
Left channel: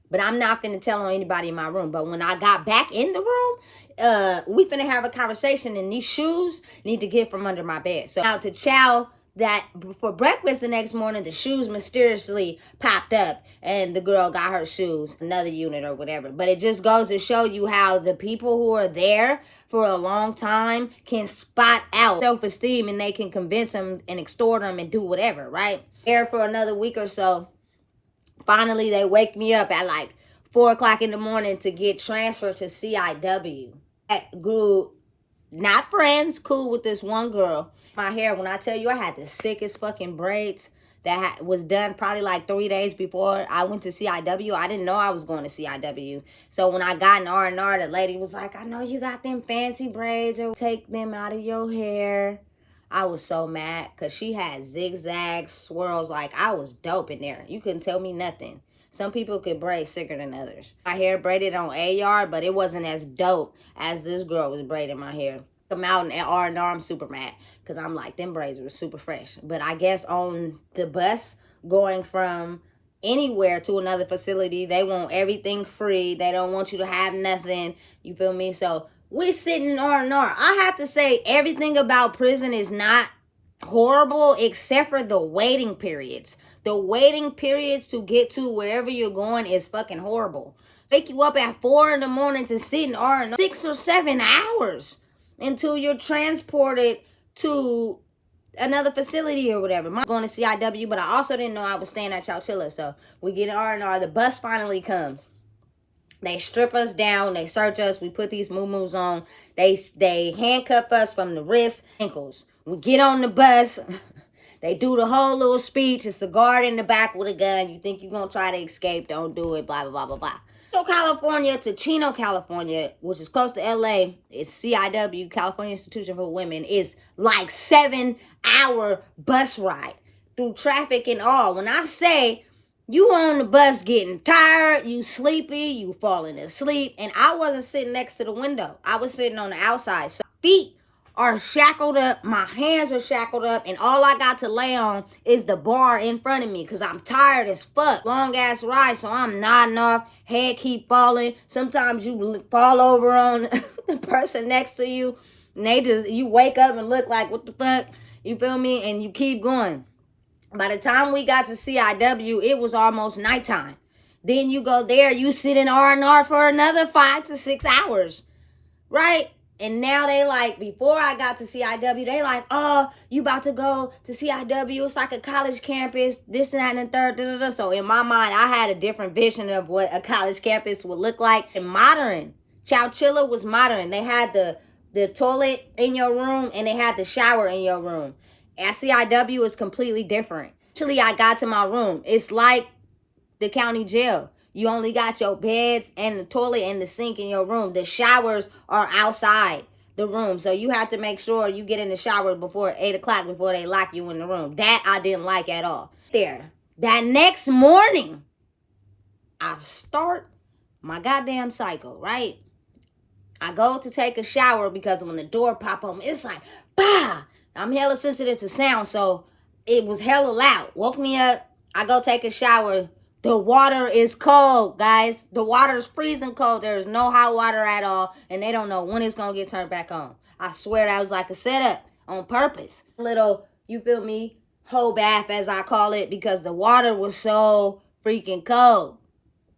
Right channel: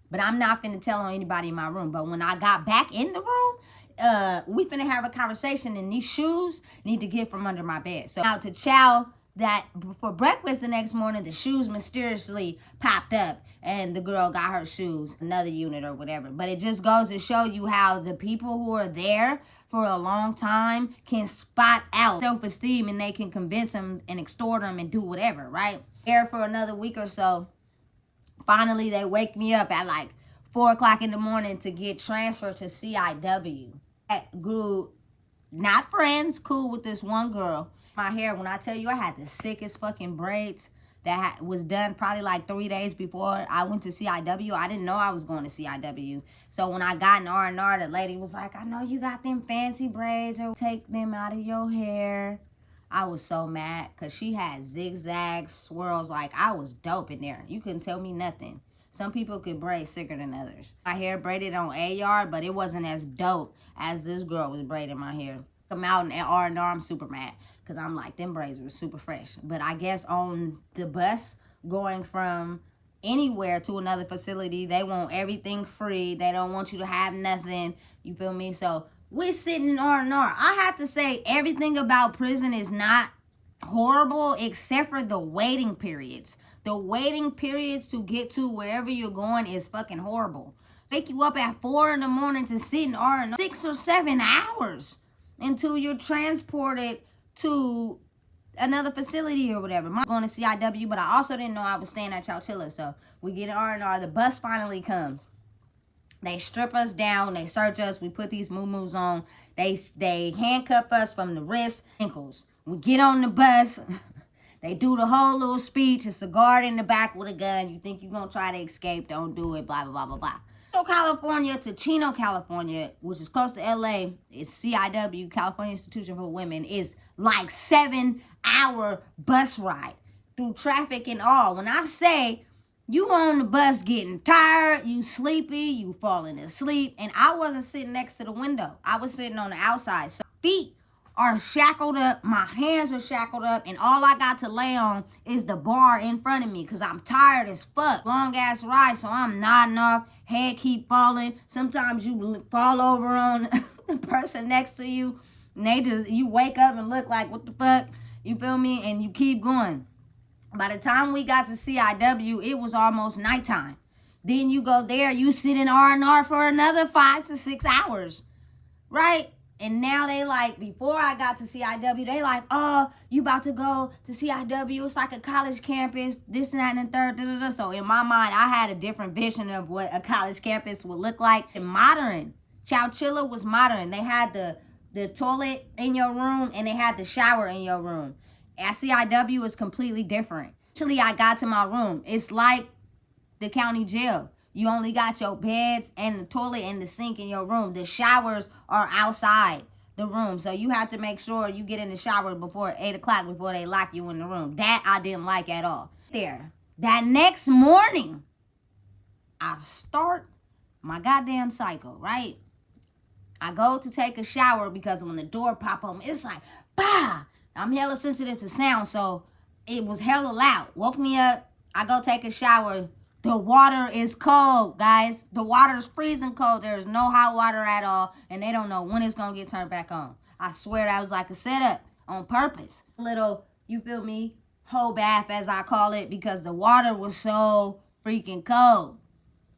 But I'm not finna tell on anybody in my room. But when I got back in the room, we finna have a conversation and these shoes need to get from under my bed. So now to chow that for breakfast the next morning, the shoes mysteriously popped up and the girl got her shoes, another unit or whatever. But it just goes to show you how the people who are there for a long time can spot out self-esteem and they can convince them and extort them and do whatever, right? There for another week or so. Finally, they wake me up at like 4 o'clock in the morning to get transferred to CIW. I grew not friends, cool with this one girl. My hair, when I tell you I had the sickest fucking braids that was done probably like 3 days before I went to CIW. I didn't know I was going to CIW. So when I got in R&R, the lady was like, I know you got them fancy braids, or take them out of your hair. I was so mad because she had zigzag swirls. Like, I was dope in there. You couldn't tell me nothing. Some people could braid sicker than others. My hair braided on AR, but it wasn't as dope as this girl was braiding my hair. Come out in R&R, I'm super mad because I'm like, them braids were super fresh. But I guess on the bus going from anywhere to another facility, they want everything free. They don't want you to have nothing. You feel me? So we're sitting in R&R. I have to say everything about prison is not horrible except for the waiting periods. The waiting periods to get to wherever you're going is fucking horrible. Wake you up at 4 in the morning to sit in R&R 6 or 7 hours until you're transported to another facility or whatever. I'm going to CIW, but I also didn't know I was staying at Chowchilla. So we get in R&R. The bus finally comes. They strip us down. They search us. We put these moo-moos on. They handcuff us from the wrists, ankles. We get on the bus. They do the whole little speech. It's a guard in the back with a gun. You think you're going to try to escape. Don't do it. Blah, blah, blah, blah, blah. California to Chino, California, which is close to LA, it's CIW, California Institution for Women, is like 7-hour bus ride through traffic and all. When I say you on the bus getting tired, you sleepy, you falling asleep, and I wasn't sitting next to the window. I was sitting on the outside. So feet are shackled up, my hands are shackled up, and all I got to lay on is the bar in front of me because I'm tired as fuck. Long ass ride, so I'm nodding off, head keep falling. Sometimes you fall over on the person next to you, and you wake up and look like, what the fuck? You feel me? And you keep going. By the time we got to CIW, it was almost nighttime. Then you go there, you sit in R&R for another 5 to 6 hours, right? And now they like, before I got to CIW, they like, oh, you about to go to CIW. It's like a college campus, this and that and the third. Da, da, da. So in my mind, I had a different vision of what a college campus would look like. And modern. Chowchilla was modern. They had the toilet in your room and they had the shower in your room. At CIW, it's completely different. Actually, I got to my room. It's like the county jail. You only got your beds and the toilet and the sink in your room. The showers are outside the room. So you have to make sure you get in the shower before 8 o'clock before they lock you in the room. That I didn't like at all. There. That next morning, I start my goddamn cycle, right? I go to take a shower because when the door pop open, it's like, bah! I'm hella sensitive to sound, so it was hella loud. Woke me up. I go take a shower. The water is cold, guys. The water is freezing cold. There's no hot water at all. And they don't know when it's going to get turned back on. I swear that was like a setup on purpose. Little, you feel me, whole bath as I call it, because the water was so freaking cold.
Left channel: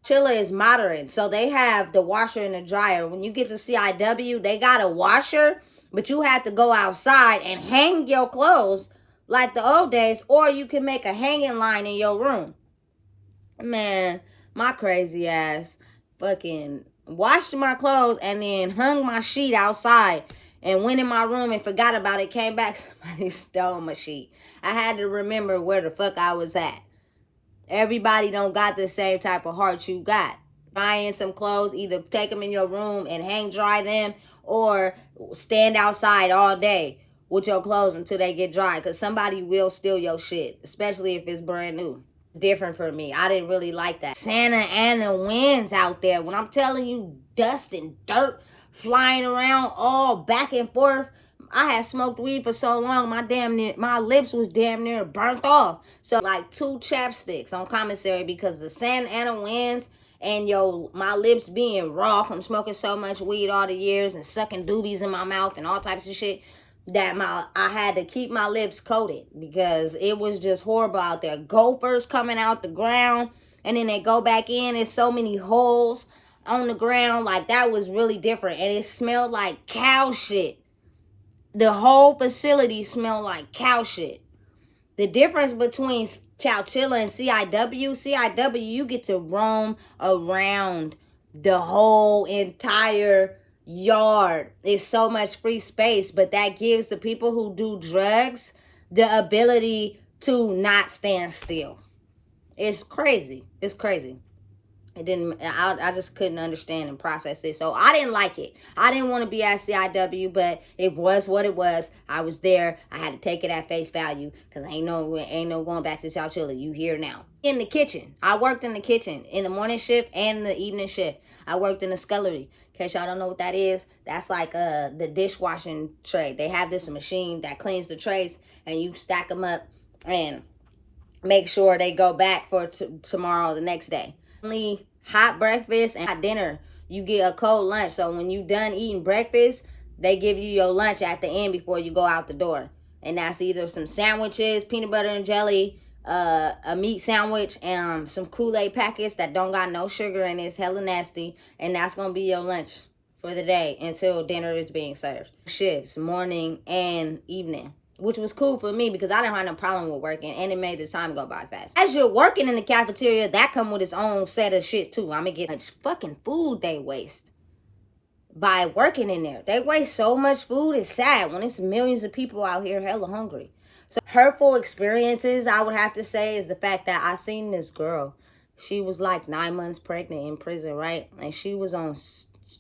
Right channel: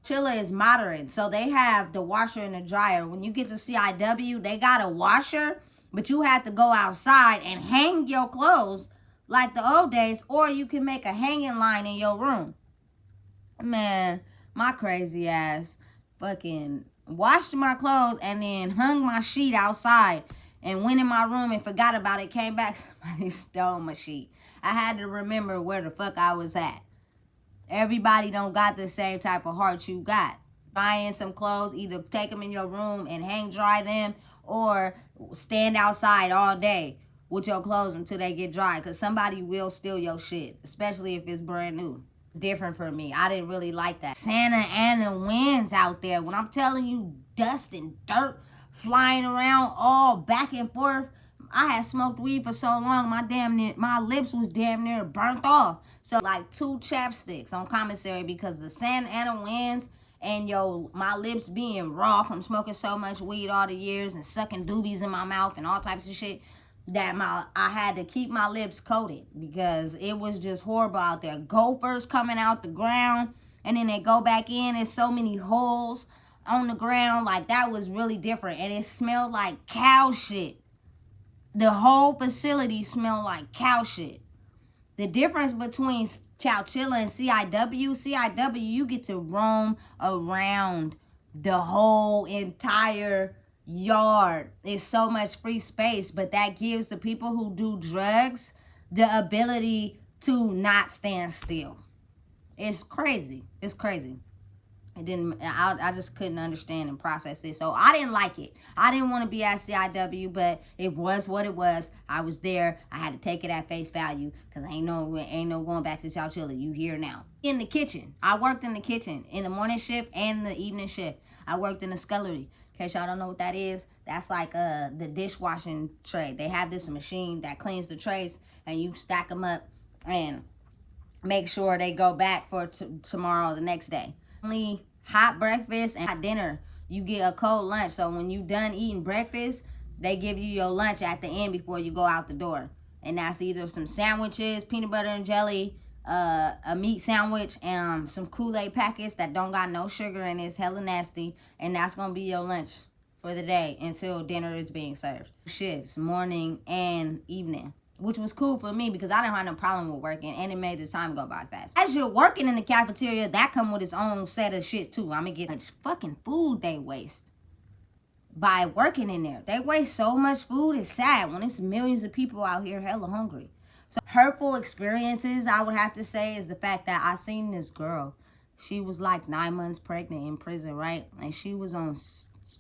Chilla is modern. So they have the washer and the dryer. When you get to CIW, they got a washer, but you have to go outside and hang your clothes like the old days, or you can make a hanging line in your room. Man, my crazy ass fucking washed my clothes and then hung my sheet outside and went in my room and forgot about it. Came back, somebody stole my sheet. I had to remember where the fuck I was at. Everybody don't got the same type of heart you got. Buying some clothes, either take them in your room and hang dry them, or stand outside all day with your clothes until they get dry, because somebody will steal your shit, especially if it's brand new. Different for me. I didn't really like that. Santa Ana winds out there. When I'm telling you, dust and dirt flying around all back and forth. I had smoked weed for so long, my lips was damn near burnt off. So like 2 chapsticks on commissary because the Santa Ana winds and my lips being raw from smoking so much weed all the years and sucking doobies in my mouth and all types of shit, that I had to keep my lips coated because it was just horrible out there. Gophers coming out the ground and then they go back in. There's so many holes on the ground. Like, that was really different. And it smelled like cow shit. The whole facility smelled like cow shit. The difference between Chowchilla and CIW, you get to roam around the whole entire yard. It's so much free space, but that gives the people who do drugs the ability to not stand still. It's crazy. It's crazy. I just couldn't understand and process it. So I didn't like it. I didn't want to be at CIW, but it was what it was. I was there. I had to take it at face value because ain't no going back to Chowchilla. You here now. In the kitchen. I worked in the kitchen in the morning shift and the evening shift. I worked in the scullery. In case y'all don't know what that is, that's like the dishwashing tray. They have this machine that cleans the trays and you stack them up and make sure they go back for tomorrow, the next day. Only hot breakfast and hot dinner. You get a cold lunch. So when you done eating breakfast, they give you your lunch at the end before you go out the door. And that's either some sandwiches, peanut butter and jelly, a meat sandwich, and some Kool-Aid packets that don't got no sugar and it's hella nasty. And that's going to be your lunch for the day until dinner is being served. Shifts, morning and evening. which was cool for me because I didn't have no problem with working, and it made the time go by fast. As you're working in the cafeteria, that come with its own set of shit too. I'm gonna get much fucking food they waste by working in there. They waste so much food. It's sad when it's millions of people out here hella hungry. So hurtful experiences, I would have to say, is the fact that I seen this girl. She was like 9 months pregnant in prison, right? And she was on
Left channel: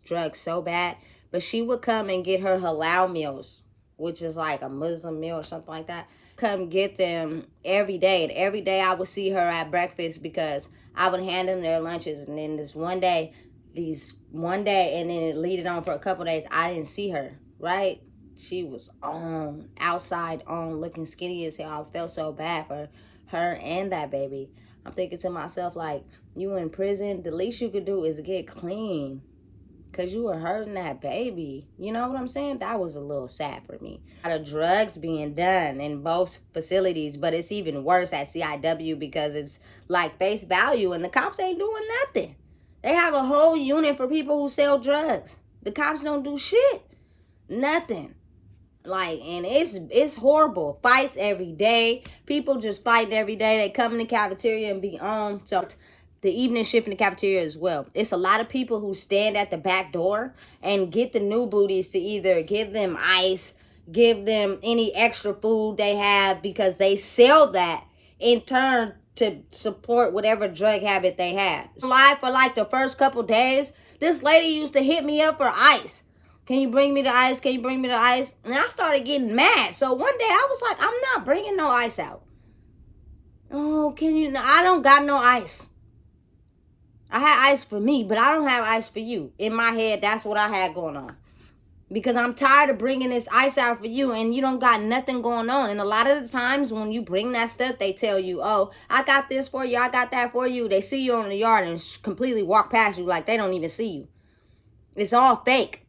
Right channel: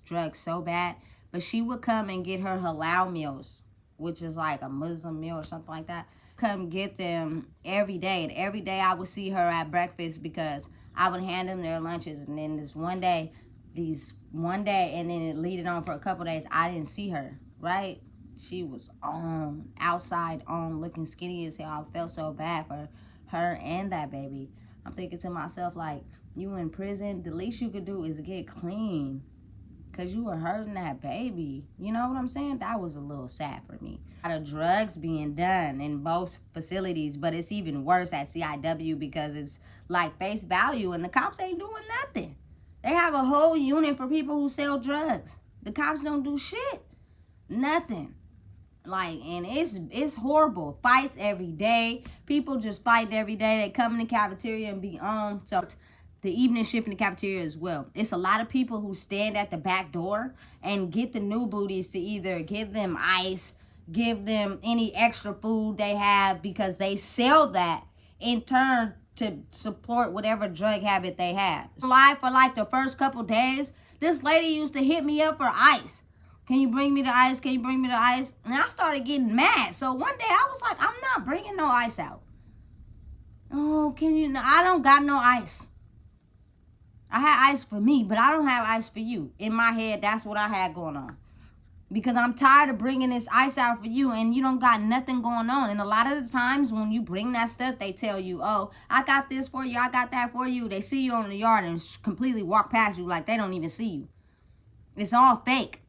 drugs so bad, but she would come and get her halal meals, which is like a Muslim meal or something like that. Come get them every day. And every day I would see her at breakfast because I would hand them their lunches. And then this one day, and then it leaded on for a couple days, I didn't see her, right? She was on, outside on, looking skinny as hell. I felt so bad for her and that baby. I'm thinking to myself, like, you in prison, the least you could do is get clean. Because you were hurting that baby. You know what I'm saying? That was a little sad for me. A lot of drugs being done in both facilities, but it's even worse at CIW because it's like face value and the cops ain't doing nothing. They have a whole unit for people who sell drugs. The cops don't do shit. Nothing. Like, and it's horrible. Fights every day. People just fight every day. They come in the cafeteria and be on. So the evening shift in the cafeteria as well. It's a lot of people who stand at the back door and get the new booties to either give them ice, give them any extra food they have because they sell that in turn to support whatever drug habit they have. Live for like the first couple days, this lady used to hit me up for ice. Can you bring me the ice? Can you bring me the ice? And I started getting mad. So one day I was like, I'm not bringing no ice out. Oh, can you? I don't got no ice. I had ice for me, but I don't have ice for you. In my head, that's what I had going on. Because I'm tired of bringing this ice out for you and you don't got nothing going on. And a lot of the times when you bring that stuff, they tell you, oh, I got this for you. I got that for you. They see you on the yard and completely walk past you like they don't even see you. It's all fake.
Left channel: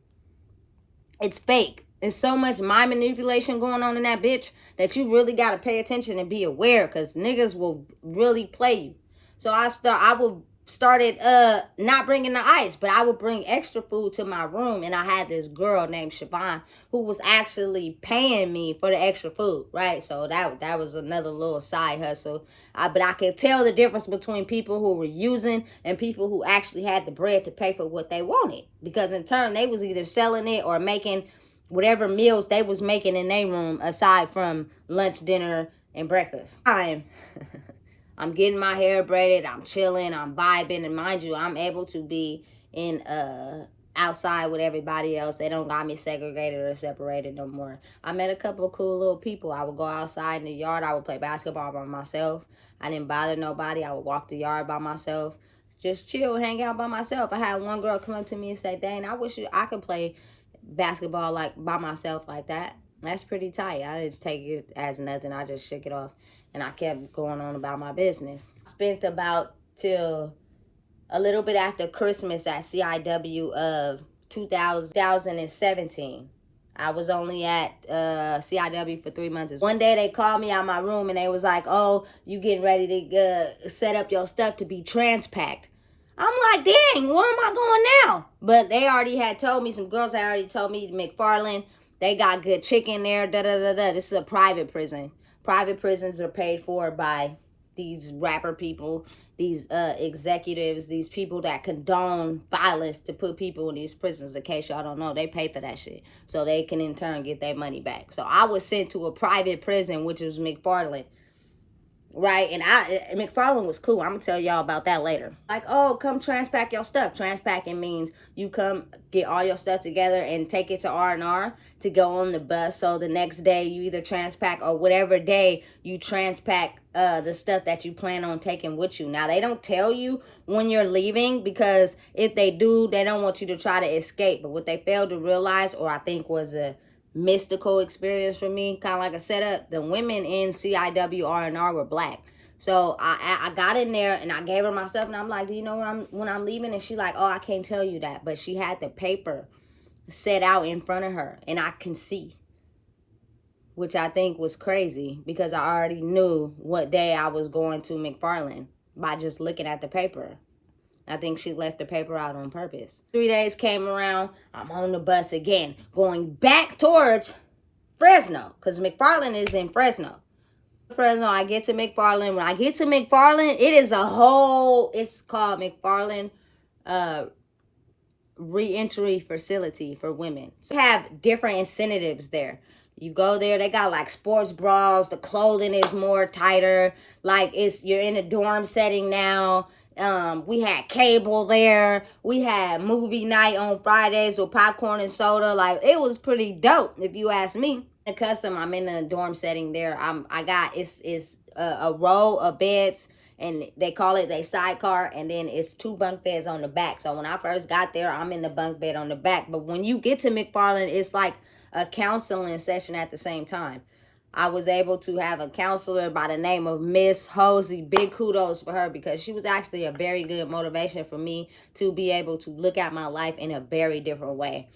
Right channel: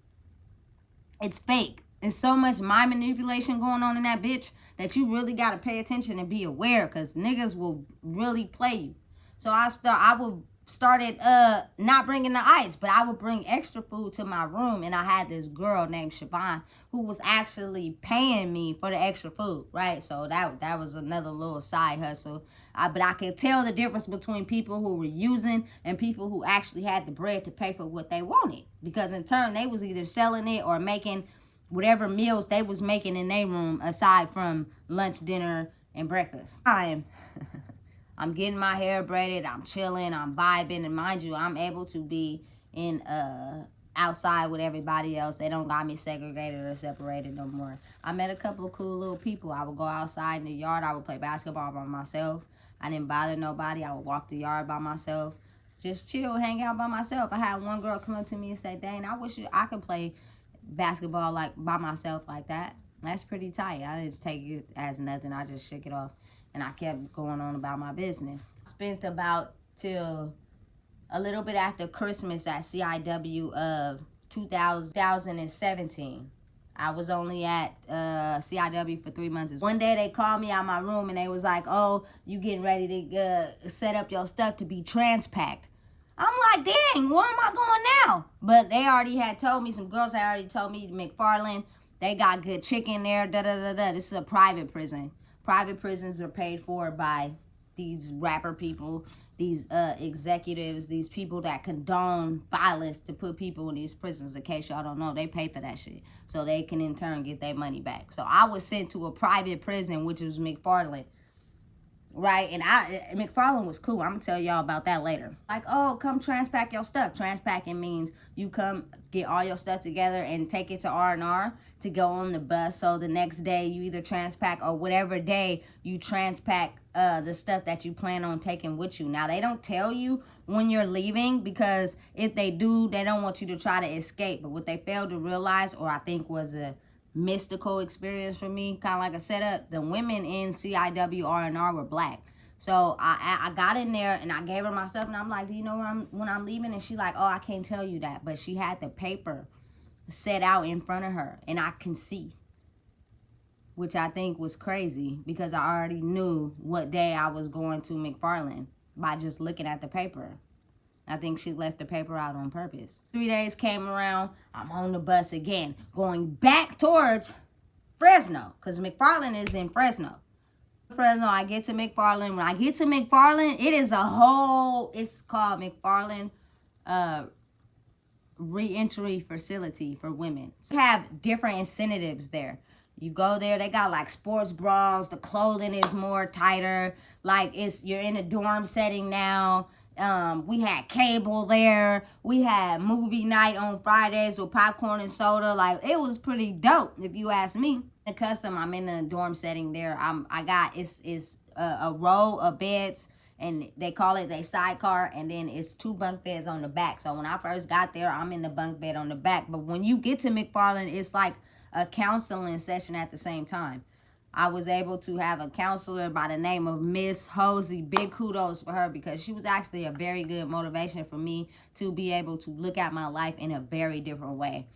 It's fake. There's so much mind manipulation going on in that bitch that you really got to pay attention and be aware because niggas will really play you. So I started not bringing the ice, but I would bring extra food to my room, and I had this girl named Siobhan who was actually paying me for the extra food, right? So that was another little side hustle. But I could tell the difference between people who were using and people who actually had the bread to pay for what they wanted, because in turn they was either selling it or making whatever meals they was making in their room aside from lunch, dinner, and breakfast. I'm getting my hair braided, I'm chilling, I'm vibing, and mind you, I'm able to be in outside with everybody else. They don't got me segregated or separated no more. I met a couple of cool little people. I would go outside in the yard, I would play basketball by myself. I didn't bother nobody. I would walk the yard by myself, just chill, hang out by myself. I had one girl come up to me and say, dang, I wish I could play basketball like by myself like that. That's pretty tight. I didn't take it as nothing. I just shook it off. And I kept going on about my business. Spent about till a little bit after Christmas at CIW of 2017. I was only at CIW for 3 months. One day they called me out my room and they was like, oh, you getting ready to set up your stuff to be transpacked. I'm like, dang, where am I going now? But they already had told me, some girls had already told me, McFarland, they got good chicken there, da-da-da-da. This is a private prison. Private prisons are paid for by these rapper people, these executives, these people that condone violence to put people in these prisons. In case y'all don't know, they pay for that shit. So they can in turn get their money back. So I was sent to a private prison, which was McFarland. Right, and McFarland was cool. I'm gonna tell y'all about that later. Like, oh, come transpack your stuff. Transpacking means you come get all your stuff together and take it to R&R to go on the bus. So the next day you either transpack or whatever day you transpack the stuff that you plan on taking with you. Now they don't tell you when you're leaving, because if they do, they don't want you to try to escape. But what they failed to realize, or I think was a mystical experience for me, kind of like a setup, the women in CIW R&R were black. So I got in there and I gave her my stuff and I'm like, do you know when I'm leaving? And she like, oh, I can't tell you that. But she had the paper set out in front of her and I can see, which I think was crazy because I already knew what day I was going to McFarland by just looking at the paper. I think she left the paper out on purpose. 3 days came around. I'm on the bus again, going back towards Fresno, because McFarland is in Fresno. Fresno, I get to McFarland. When I get to McFarland, it is a whole, it's called McFarland reentry facility for women. So you have different incentives there. You go there, they got like sports bras, the clothing is more tighter, like you're in a dorm setting now. We had cable there, we had movie night on Fridays with popcorn and soda. Like, it was pretty dope if you ask me. The custom, I'm in a dorm setting there. I got it's a row of beds, and they call it a sidecar, and then it's 2 bunk beds on the back. So when I first got there, I'm in the bunk bed on the back. But when you get to McFarland, it's like a counseling session at the same time. I was able to have a counselor by the name of Miss Hosey. Big kudos for her, because she was actually a very good motivation for me to be able to look at my life in a very different way.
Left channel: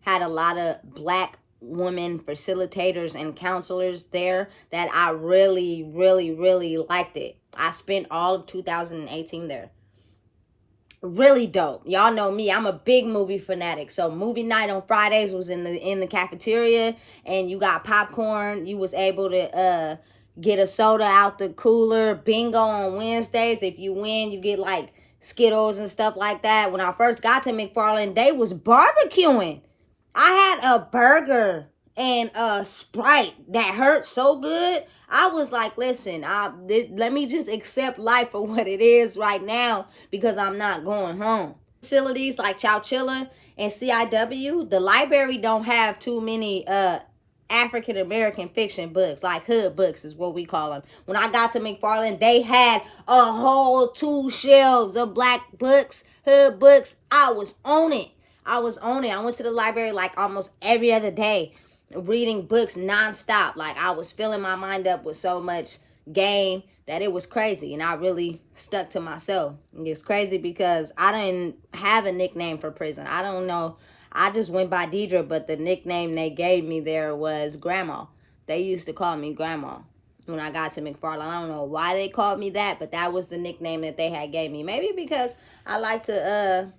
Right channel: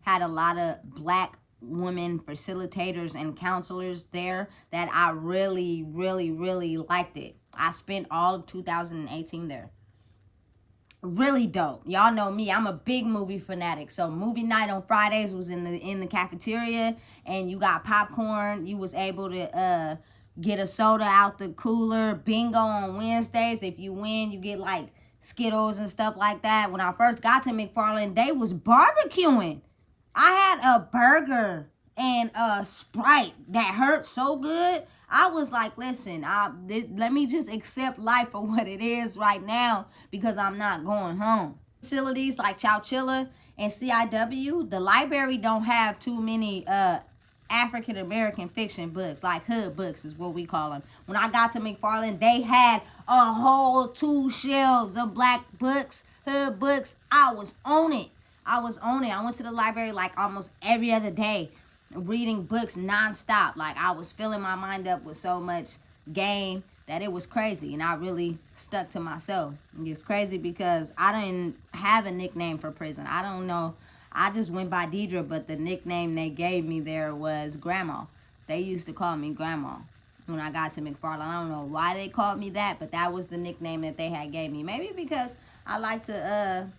Had a lot of Black women facilitators and counselors there that I really, really, really liked it. I spent all of 2018 there. Really dope. Y'all know me, I'm a big movie fanatic. So movie night on Fridays was in the cafeteria, and you got popcorn. You was able to get a soda out the cooler. Bingo on Wednesdays. If you win, you get like Skittles and stuff like that. When I first got to McFarland, they was barbecuing. I had a burger and a Sprite that hurt so good. I was like, listen, let me just accept life for what it is right now, because I'm not going home. Facilities like Chowchilla and CIW, the library don't have too many African American fiction books, like hood books is what we call them. When I got to McFarland, they had a whole 2 shelves of Black books, hood books. I was on it. I went to the library like almost every other day, reading books nonstop. Like, I was filling my mind up with so much game that it was crazy, and I really stuck to myself. It's crazy because I didn't have a nickname for prison. I don't know. I just went by Deidre, but the nickname they gave me there was Grandma. They used to call me Grandma when I got to McFarland. I don't know why they called me that, but that was the nickname that they had gave me. Maybe because I like to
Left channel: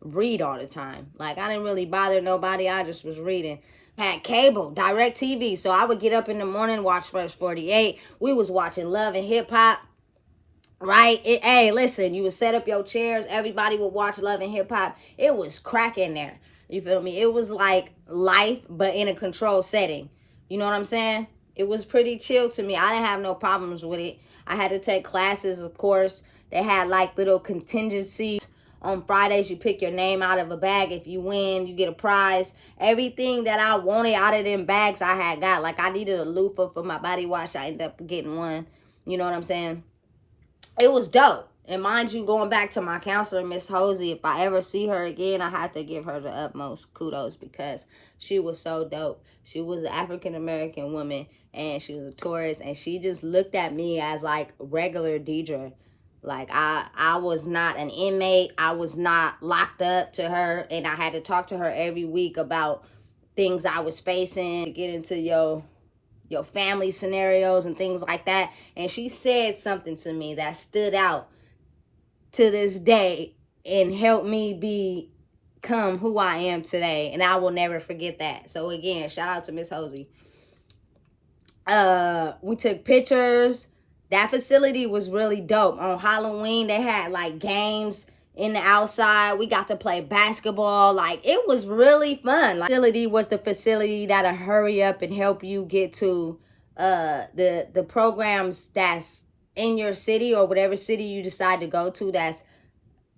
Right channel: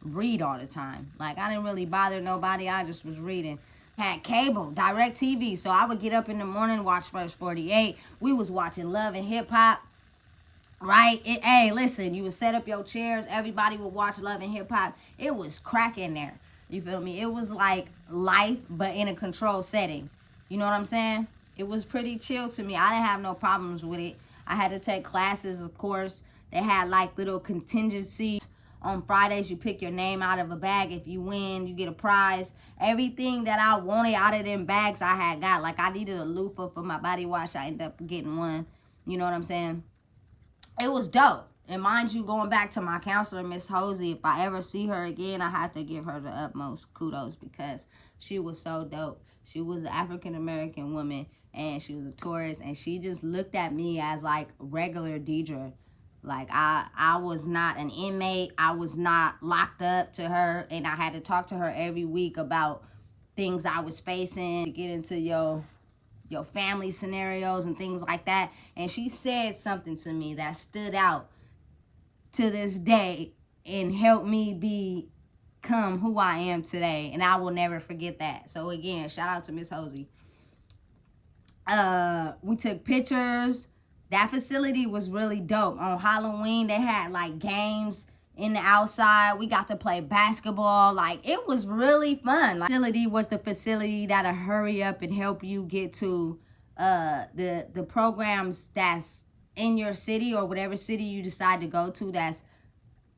read all the time. Like, I didn't really bother nobody. I just was reading. Had cable, direct TV, so I would get up in the morning, watch First 48. We was watching Love and Hip Hop, right? Hey, listen, you would set up your chairs, everybody would watch Love and Hip Hop. It was cracking there. You feel me? It was like life, but in a controlled setting. You know what I'm saying? It was pretty chill to me. I didn't have no problems with it. I had to take classes, of course. They had like little contingencies. On Fridays, you pick your name out of a bag. If you win, you get a prize. Everything that I wanted out of them bags, I had got. Like, I needed a loofah for my body wash. I ended up getting one. You know what I'm saying? It was dope. And mind you, going back to my counselor, Miss Hosey, if I ever see her again, I have to give her the utmost kudos, because she was so dope. She was an African-American woman, and she was a tourist, and she just looked at me as like regular Deidre. Like, I was not an inmate. I was not locked up to her, and I had to talk to her every week about things I was facing, get into your family scenarios and things like that. And she said something to me that stood out to this day and helped me become who I am today, and I will never forget that. So again, shout out to Miss Hosey. We took pictures. That facility was really dope. On Halloween, they had like games in the outside. We got to play basketball. Like, it was really fun. Like, facility was the facility that'll hurry up and help you get to the programs that's in your city, or whatever city you decide to go to that's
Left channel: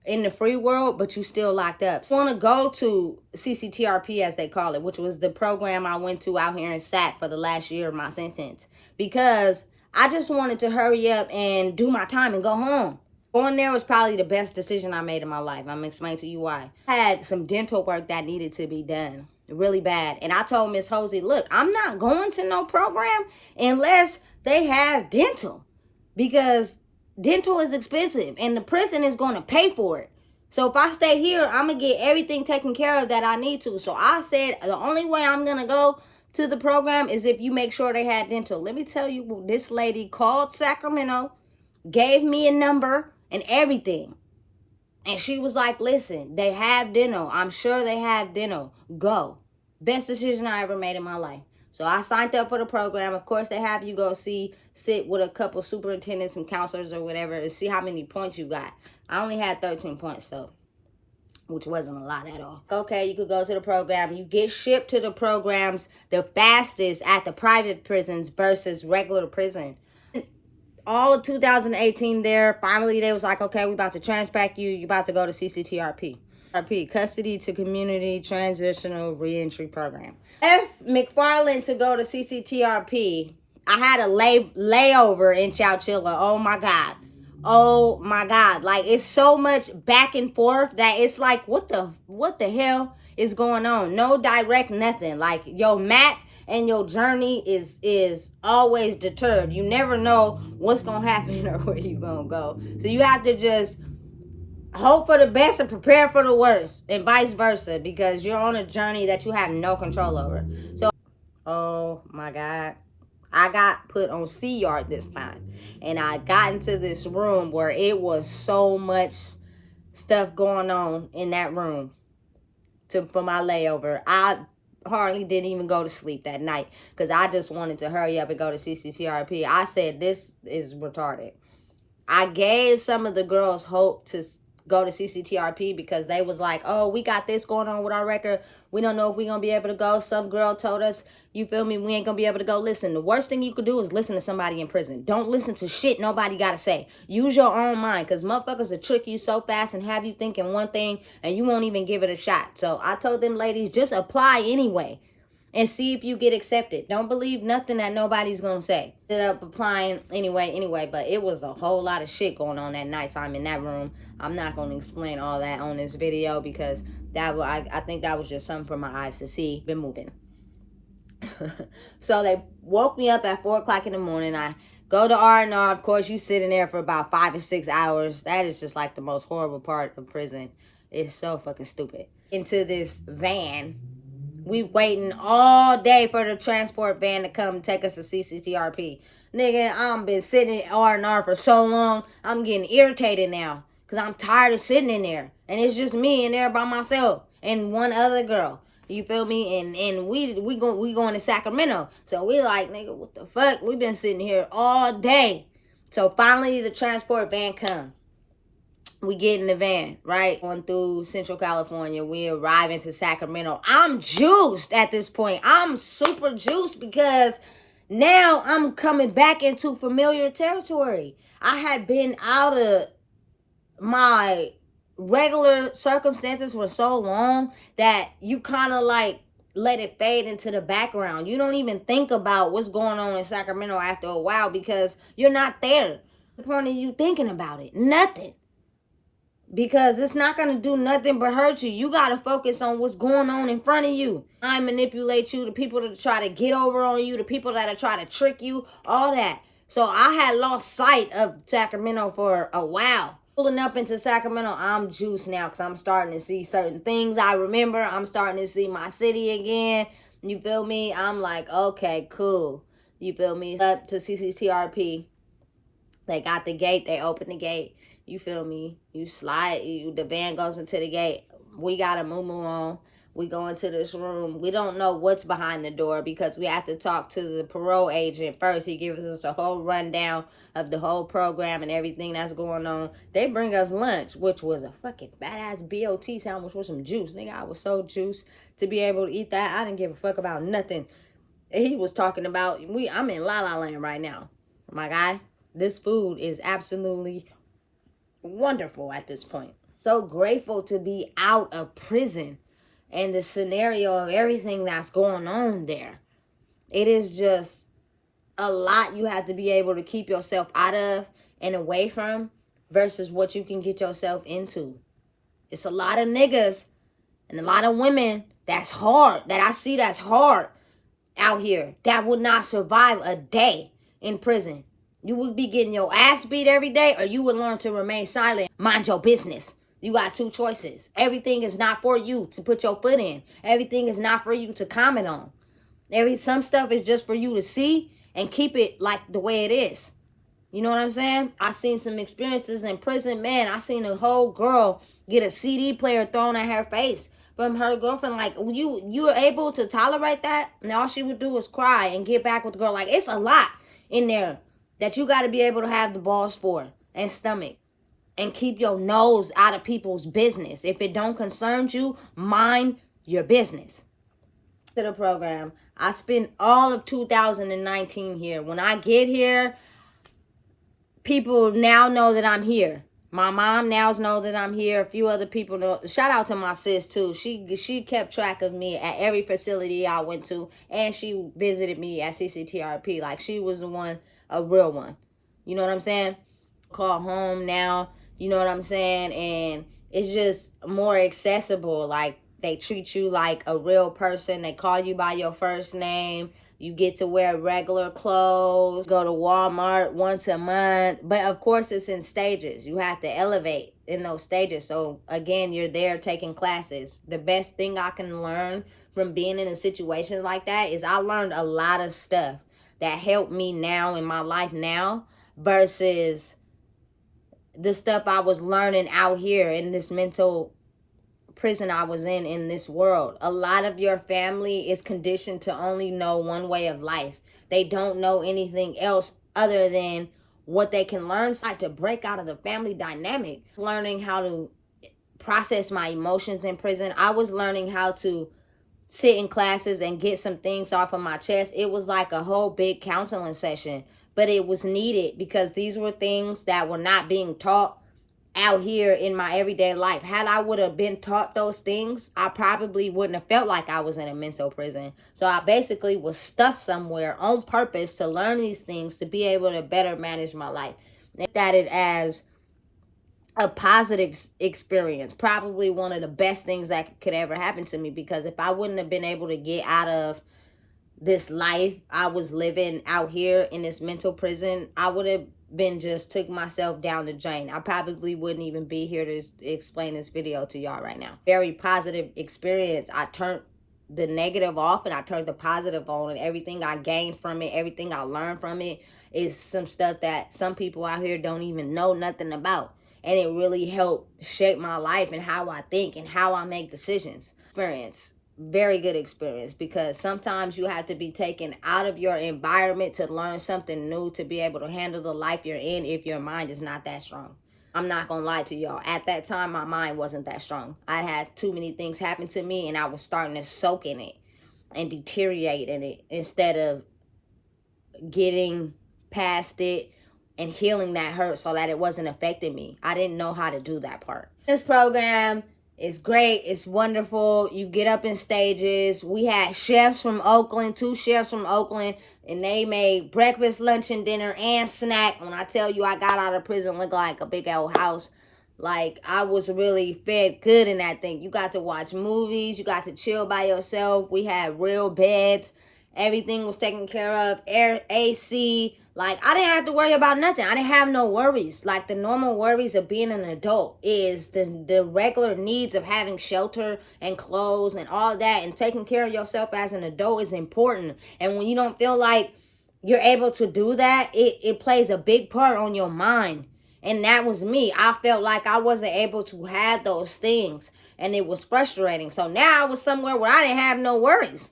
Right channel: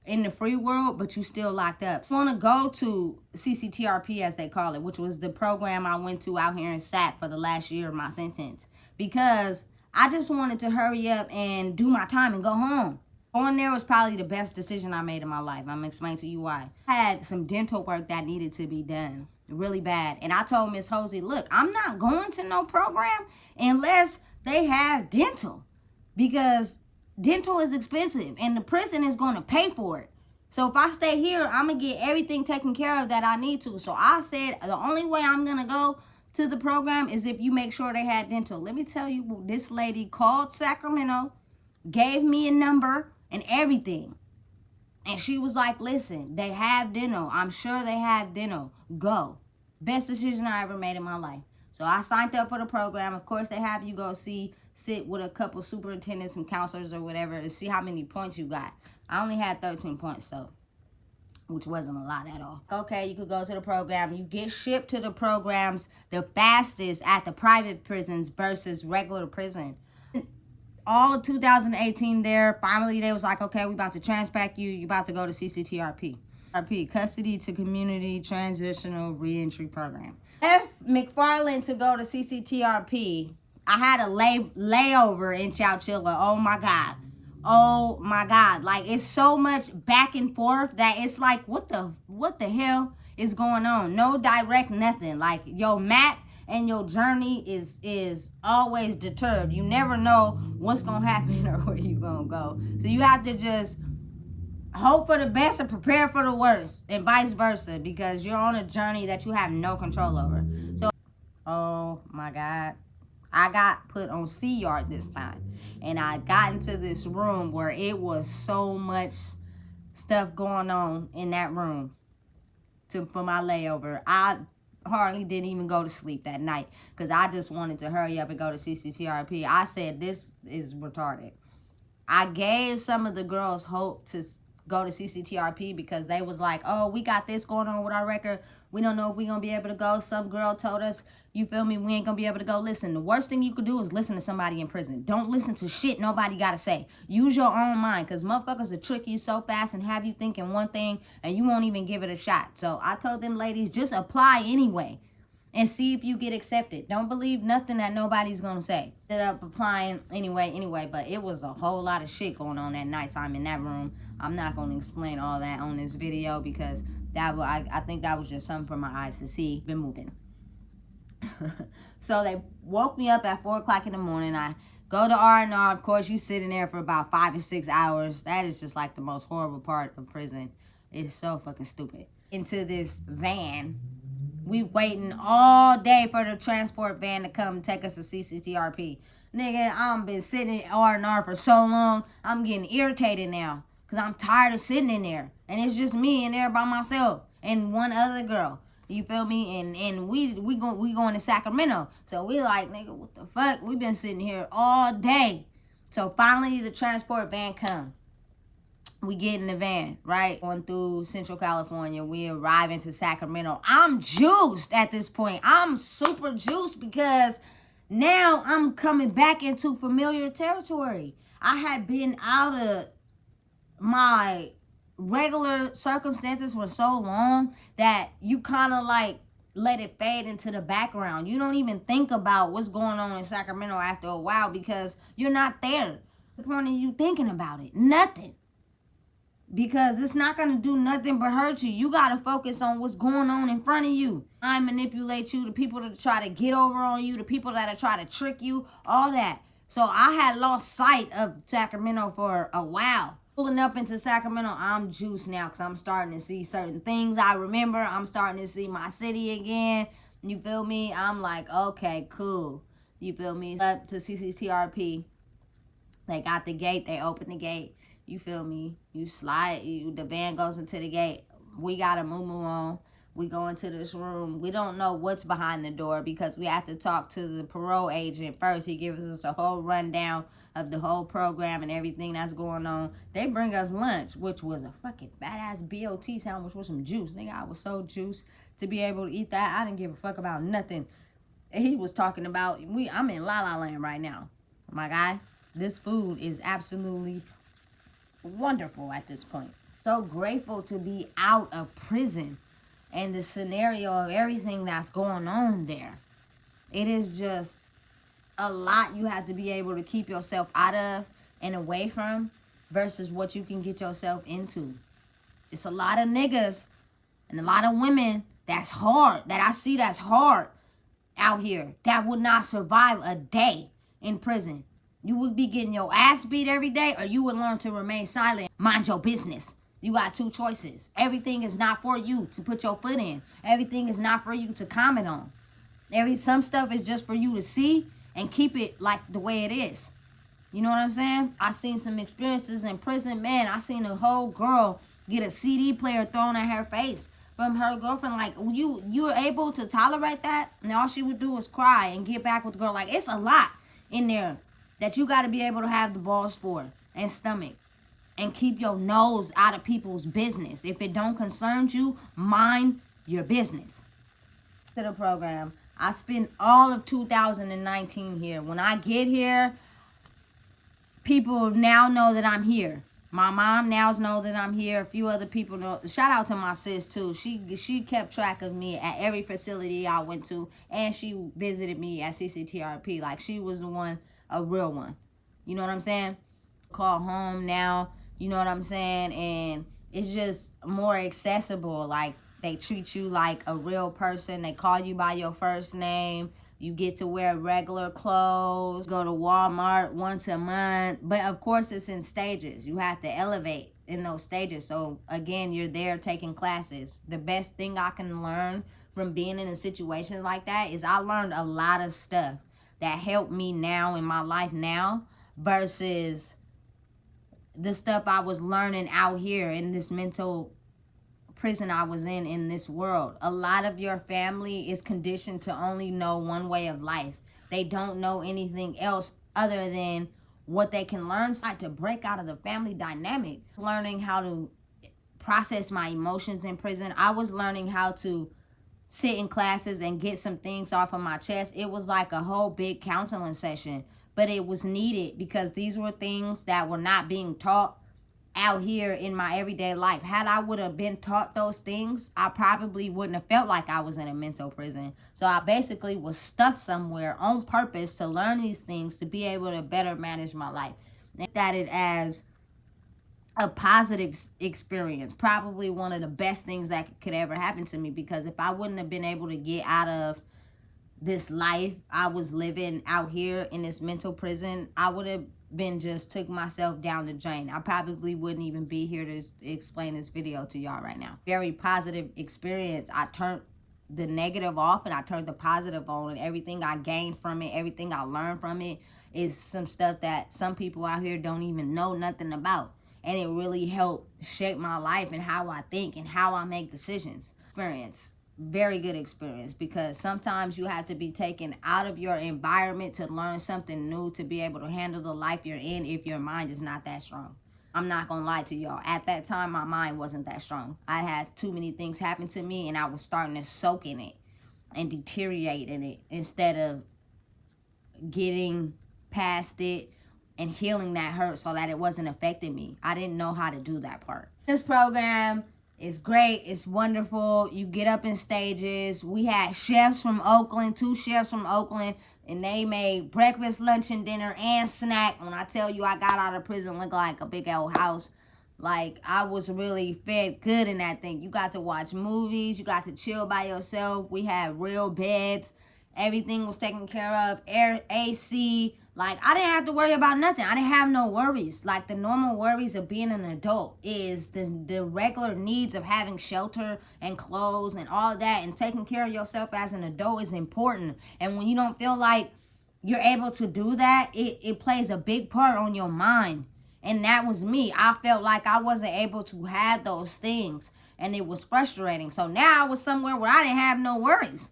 in the free world, but you still locked up. So I want to go to CCTRP, as they call it, which was the program I went to out here in SAC for the last year of my sentence, because I just wanted to hurry up and do my time and go home. Going there was probably the best decision I made in my life. I'm going to explain to you why. I had some dental work that needed to be done really bad. And I told Miss Hosey, look, I'm not going to no program unless they have dental, because dental is expensive and the prison is going to pay for it. So if I stay here, I'm going to get everything taken care of that I need to. So I said the only way I'm going to go to the program is if you make sure they had dental. Let me tell you, this lady called Sacramento, gave me a number and everything. And she was like, listen, they have dental. I'm sure they have dental. Go. Best decision I ever made in my life. So I signed up for the program. Of course, they have you go sit with a couple superintendents and counselors or whatever to see how many points you got. I only had 13 points, so, which wasn't a lot at all. Okay, you could go to the program. You get shipped to the programs the fastest at the private prisons versus regular prison. All of 2018 there, finally they was like, okay, we about to transpack you. You about to go to CCTRP. Custody to Community Transitional Reentry Program. Left McFarland to go to CCTRP. I had a layover in Chowchilla. Oh my God. Oh my God. Like, it's so much back and forth that it's like, what the hell is going on? No direct nothing. Like, your map and your journey is always deterred. You never know what's gonna happen or where you gonna go. So you have to just hope for the best and prepare for the worst, and vice versa, because you're on a journey that you have no control over. So, oh my God, I got put on C yard this time, and I got into this room where it was so much stuff going on in that room for my layover. I hardly didn't even go to sleep that night because I just wanted to hurry up and go to CCTRP. I said, this is retarded. I gave some of the girls hope to go to CCTRP because they was like, oh, we got this going on with our record. We don't know if we're going to be able to go. Some girl told us, you feel me, we ain't going to be able to go. Listen, the worst thing you could do is listen to somebody in prison. Don't listen to shit nobody got to say. Use your own mind, because motherfuckers will trick you so fast and have you thinking one thing and you won't even give it a shot. So I told them ladies, just apply anyway and see if you get accepted. Don't believe nothing that nobody's gonna say. Ended up applying anyway, but it was a whole lot of shit going on that night. So I'm in that room. I'm not gonna explain all that on this video because I think that was just something for my eyes to see. Been moving. So they woke me up at 4 o'clock in the morning. I go to R&R. Of course, you sit in there for about 5 or 6 hours. That is just like the most horrible part of prison. It's so fucking stupid. Into this van. We waiting all day for the transport van to come take us to CCTRP. Nigga, I'm been sitting in R&R for so long. I'm getting irritated now because I'm tired of sitting in there. And it's just me in there by myself and one other girl. You feel me? And we going to Sacramento. So we like, nigga, what the fuck? We been sitting here all day. So finally the transport van come. We get in the van, right? Going through Central California. We arrive into Sacramento. I'm juiced at this point. I'm super juiced because now I'm coming back into familiar territory. I had been out of my regular circumstances for so long that you kind of like let it fade into the background. You don't even think about what's going on in Sacramento after a while because you're not there. The point of you thinking about it? Nothing. Because it's not going to do nothing but hurt you. You got to focus on what's going on in front of you. I manipulate you, the people that try to get over on you, the people that are trying to trick you, all that. So I had lost sight of Sacramento for a while. Pulling up into Sacramento, I'm juiced now because I'm starting to see certain things I remember. I'm starting to see my city again. You feel me? I'm like, okay, cool. You feel me? Up to CCTRP. They got the gate. They open the gate. You feel me? You slide. The van goes into the gate. We got a moo-moo on. We go into this room. We don't know what's behind the door because we have to talk to the parole agent first. He gives us a whole rundown of the whole program and everything that's going on. They bring us lunch, which was a fucking badass BOT sandwich with some juice. Nigga, I was so juiced to be able to eat that. I didn't give a fuck about nothing. He was talking about, I'm in La La Land right now. My guy, this food is absolutely wonderful at this point. So grateful to be out of prison and the scenario of everything that's going on there. It is just a lot you have to be able to keep yourself out of and away from versus what you can get yourself into. It's a lot of niggas and a lot of women that's hard, that I see that's hard out here, that would not survive a day in prison. You would be getting your ass beat every day, or you would learn to remain silent. Mind your business. You got two choices. Everything is not for you to put your foot in. Everything is not for you to comment on. Some stuff is just for you to see and keep it like the way it is. You know what I'm saying? I seen some experiences in prison. Man, I seen a whole girl get a CD player thrown at her face from her girlfriend. Like, you were able to tolerate that? And all she would do was cry and get back with the girl. Like, it's a lot in there that you got to be able to have the balls for and stomach. And keep your nose out of people's business. If it don't concern you, mind your business. To the program, I spent all of 2019 here. When I get here, people now know that I'm here. My mom now knows that I'm here. A few other people know. Shout out to my sis too. She kept track of me at every facility I went to, and she visited me at CCTRP. Like, she was the one, a real one. You know what I'm saying? Call home now. You know what I'm saying? And it's just more accessible. Like, they treat you like a real person. They call you by your first name. You get to wear regular clothes, go to Walmart once a month. But of course, it's in stages. You have to elevate in those stages. So again, you're there taking classes. The best thing I can learn from being in a situation like that is I learned a lot of stuff that helped me now in my life now versus the stuff I was learning out here in this mental prison I was in this world. A lot of your family is conditioned to only know one way of life. They don't know anything else other than what they can learn. So I had to break out of the family dynamic. Learning how to process my emotions in prison. I was learning how to sit in classes and get some things off of my chest. It was like a whole big counseling session, but it was needed because these were things that were not being taught out here in my everyday life. Had I would have been taught those things, I probably wouldn't have felt like I was in a mental prison. So I basically was stuffed somewhere on purpose to learn these things to be able to better manage my life. And that it as a positive experience, probably one of the best things that could ever happen to me, because if I wouldn't have been able to get out of this life I was living out here in this mental prison, I would have been just took myself down the drain. I probably wouldn't even be here to explain this video to y'all right now. Very positive experience. I turned the negative off and I turned the positive on, and everything I gained from it, everything I learned from it is some stuff that some people out here don't even know nothing about. And it really helped shape my life and how I think and how I make decisions. Experience. Very good experience, because sometimes you have to be taken out of your environment to learn something new to be able to handle the life you're in if your mind is not that strong. I'm not gonna lie to y'all, at that time my mind wasn't that strong. I had too many things happen to me and I was starting to soak in it and deteriorate in it instead of getting past it and healing that hurt so that it wasn't affecting me. I didn't know how to do that part. This program is great. It's wonderful. You get up in stages. We had chefs from Oakland, 2 chefs from Oakland, and they made breakfast, lunch, and dinner and snack. When I tell you I got out of prison looking like a big old house, like I was really fed good in that thing. You got to watch movies. You got to chill by yourself. We had real beds. Everything was taken care of. Air, AC. Like, I didn't have to worry about nothing. I didn't have no worries. Like, the normal worries of being an adult is the regular needs of having shelter and clothes and all that. And taking care of yourself as an adult is important. And when you don't feel like you're able to do that, it plays a big part on your mind. And that was me. I felt like I wasn't able to have those things. And it was frustrating. So now I was somewhere where I didn't have no worries.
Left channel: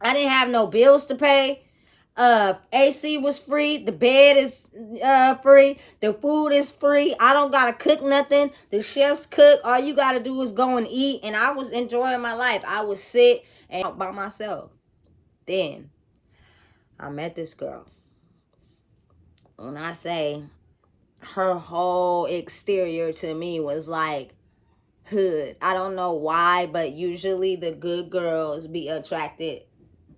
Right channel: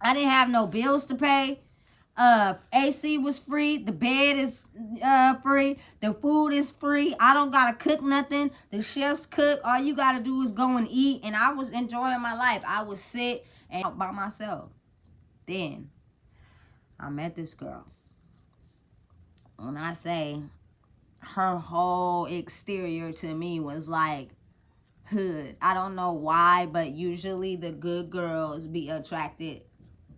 I didn't have no bills to pay. AC was free. The bed is free. The food is free. I don't gotta cook nothing. The chefs cook. All you gotta do is go and eat. And I was enjoying my life. I would sit and by myself. Then I met this girl. When I say her whole exterior to me was like hood. I don't know why, but usually the good girls be attracted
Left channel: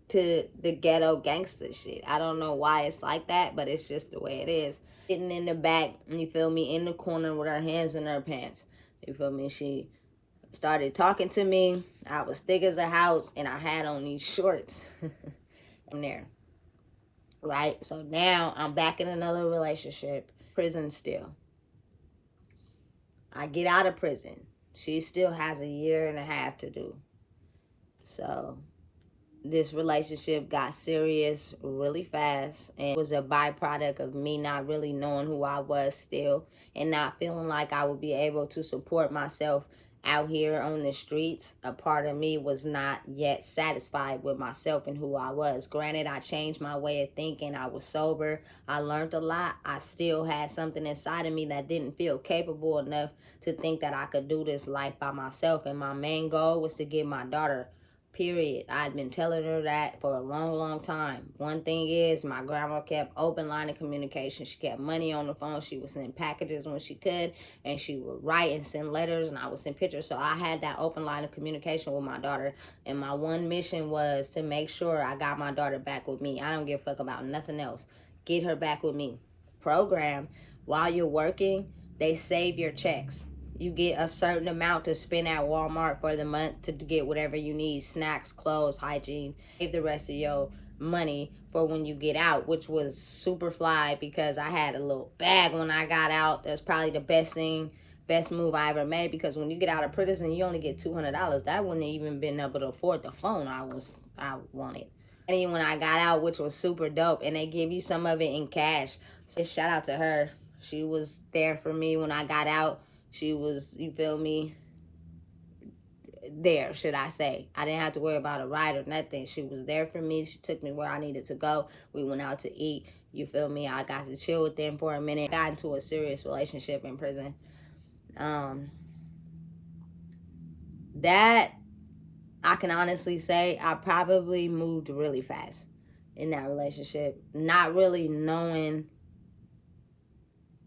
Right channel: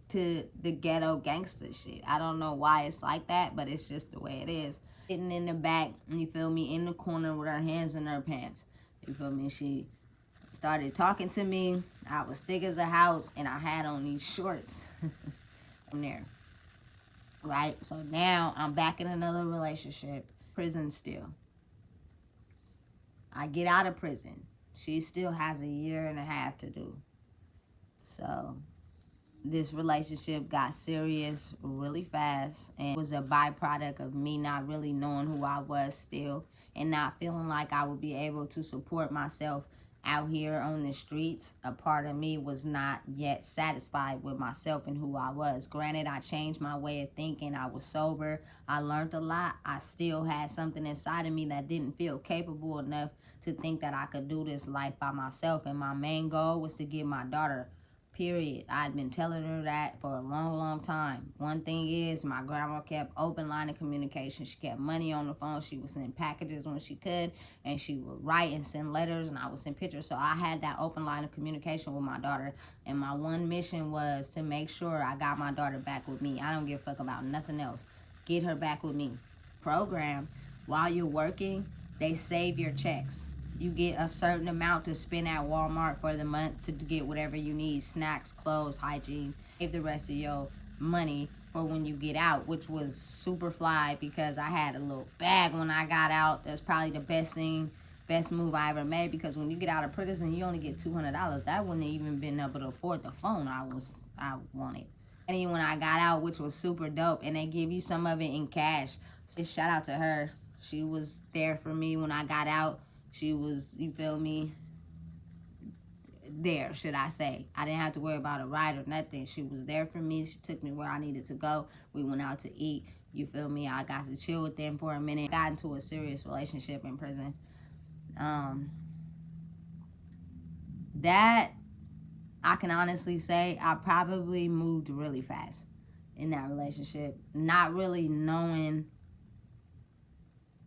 to the ghetto gangster shit. I don't know why it's like that, but it's just the way it is. Sitting in the back, you feel me, in the corner with her hands in her pants. You feel me? She started talking to me. I was thick as a house and I had on these shorts. I'm there. Right? So now I'm back in another relationship. Prison still. I get out of prison. She still has a year and a half to do. So this relationship got serious really fast, and it was a byproduct of me not really knowing who I was still and not feeling like I would be able to support myself out here on the streets, a part of me was not yet satisfied with myself and who I was. Granted, I changed my way of thinking. I was sober. I learned a lot. I still had something inside of me that didn't feel capable enough to think that I could do this life by myself. And my main goal was to get my daughter. Period. I'd been telling her that for a long time. One thing is, my grandma kept open line of communication. She kept money on the phone. She would send packages when she could, and she would write and send letters, and I would send pictures. So I had that open line of communication with my daughter, and my one mission was to make sure I got my daughter back with me. I don't give a fuck about nothing else. Get her back with me. Program, while you're working, they save your checks. You get a certain amount to spend at Walmart for the month to get whatever you need, snacks, clothes, hygiene. Save the rest of your money for when you get out, which was super fly because I had a little bag when I got out. That's probably the best move I ever made, because when you get out of prison, you only get $200. That wouldn't even been able to afford the phone I wanted. And when I got out, which was super dope, and they give you some of it in cash. So shout out to her. She was there for me when I got out. She was, you feel me, there, should I say. I didn't have to worry about a ride or nothing. She was there for me. She took me where I needed to go. We went out to eat. You feel me? I got to chill with them for a minute. Got into a serious relationship in prison. That, I can honestly say, I probably moved really fast in that relationship, not really knowing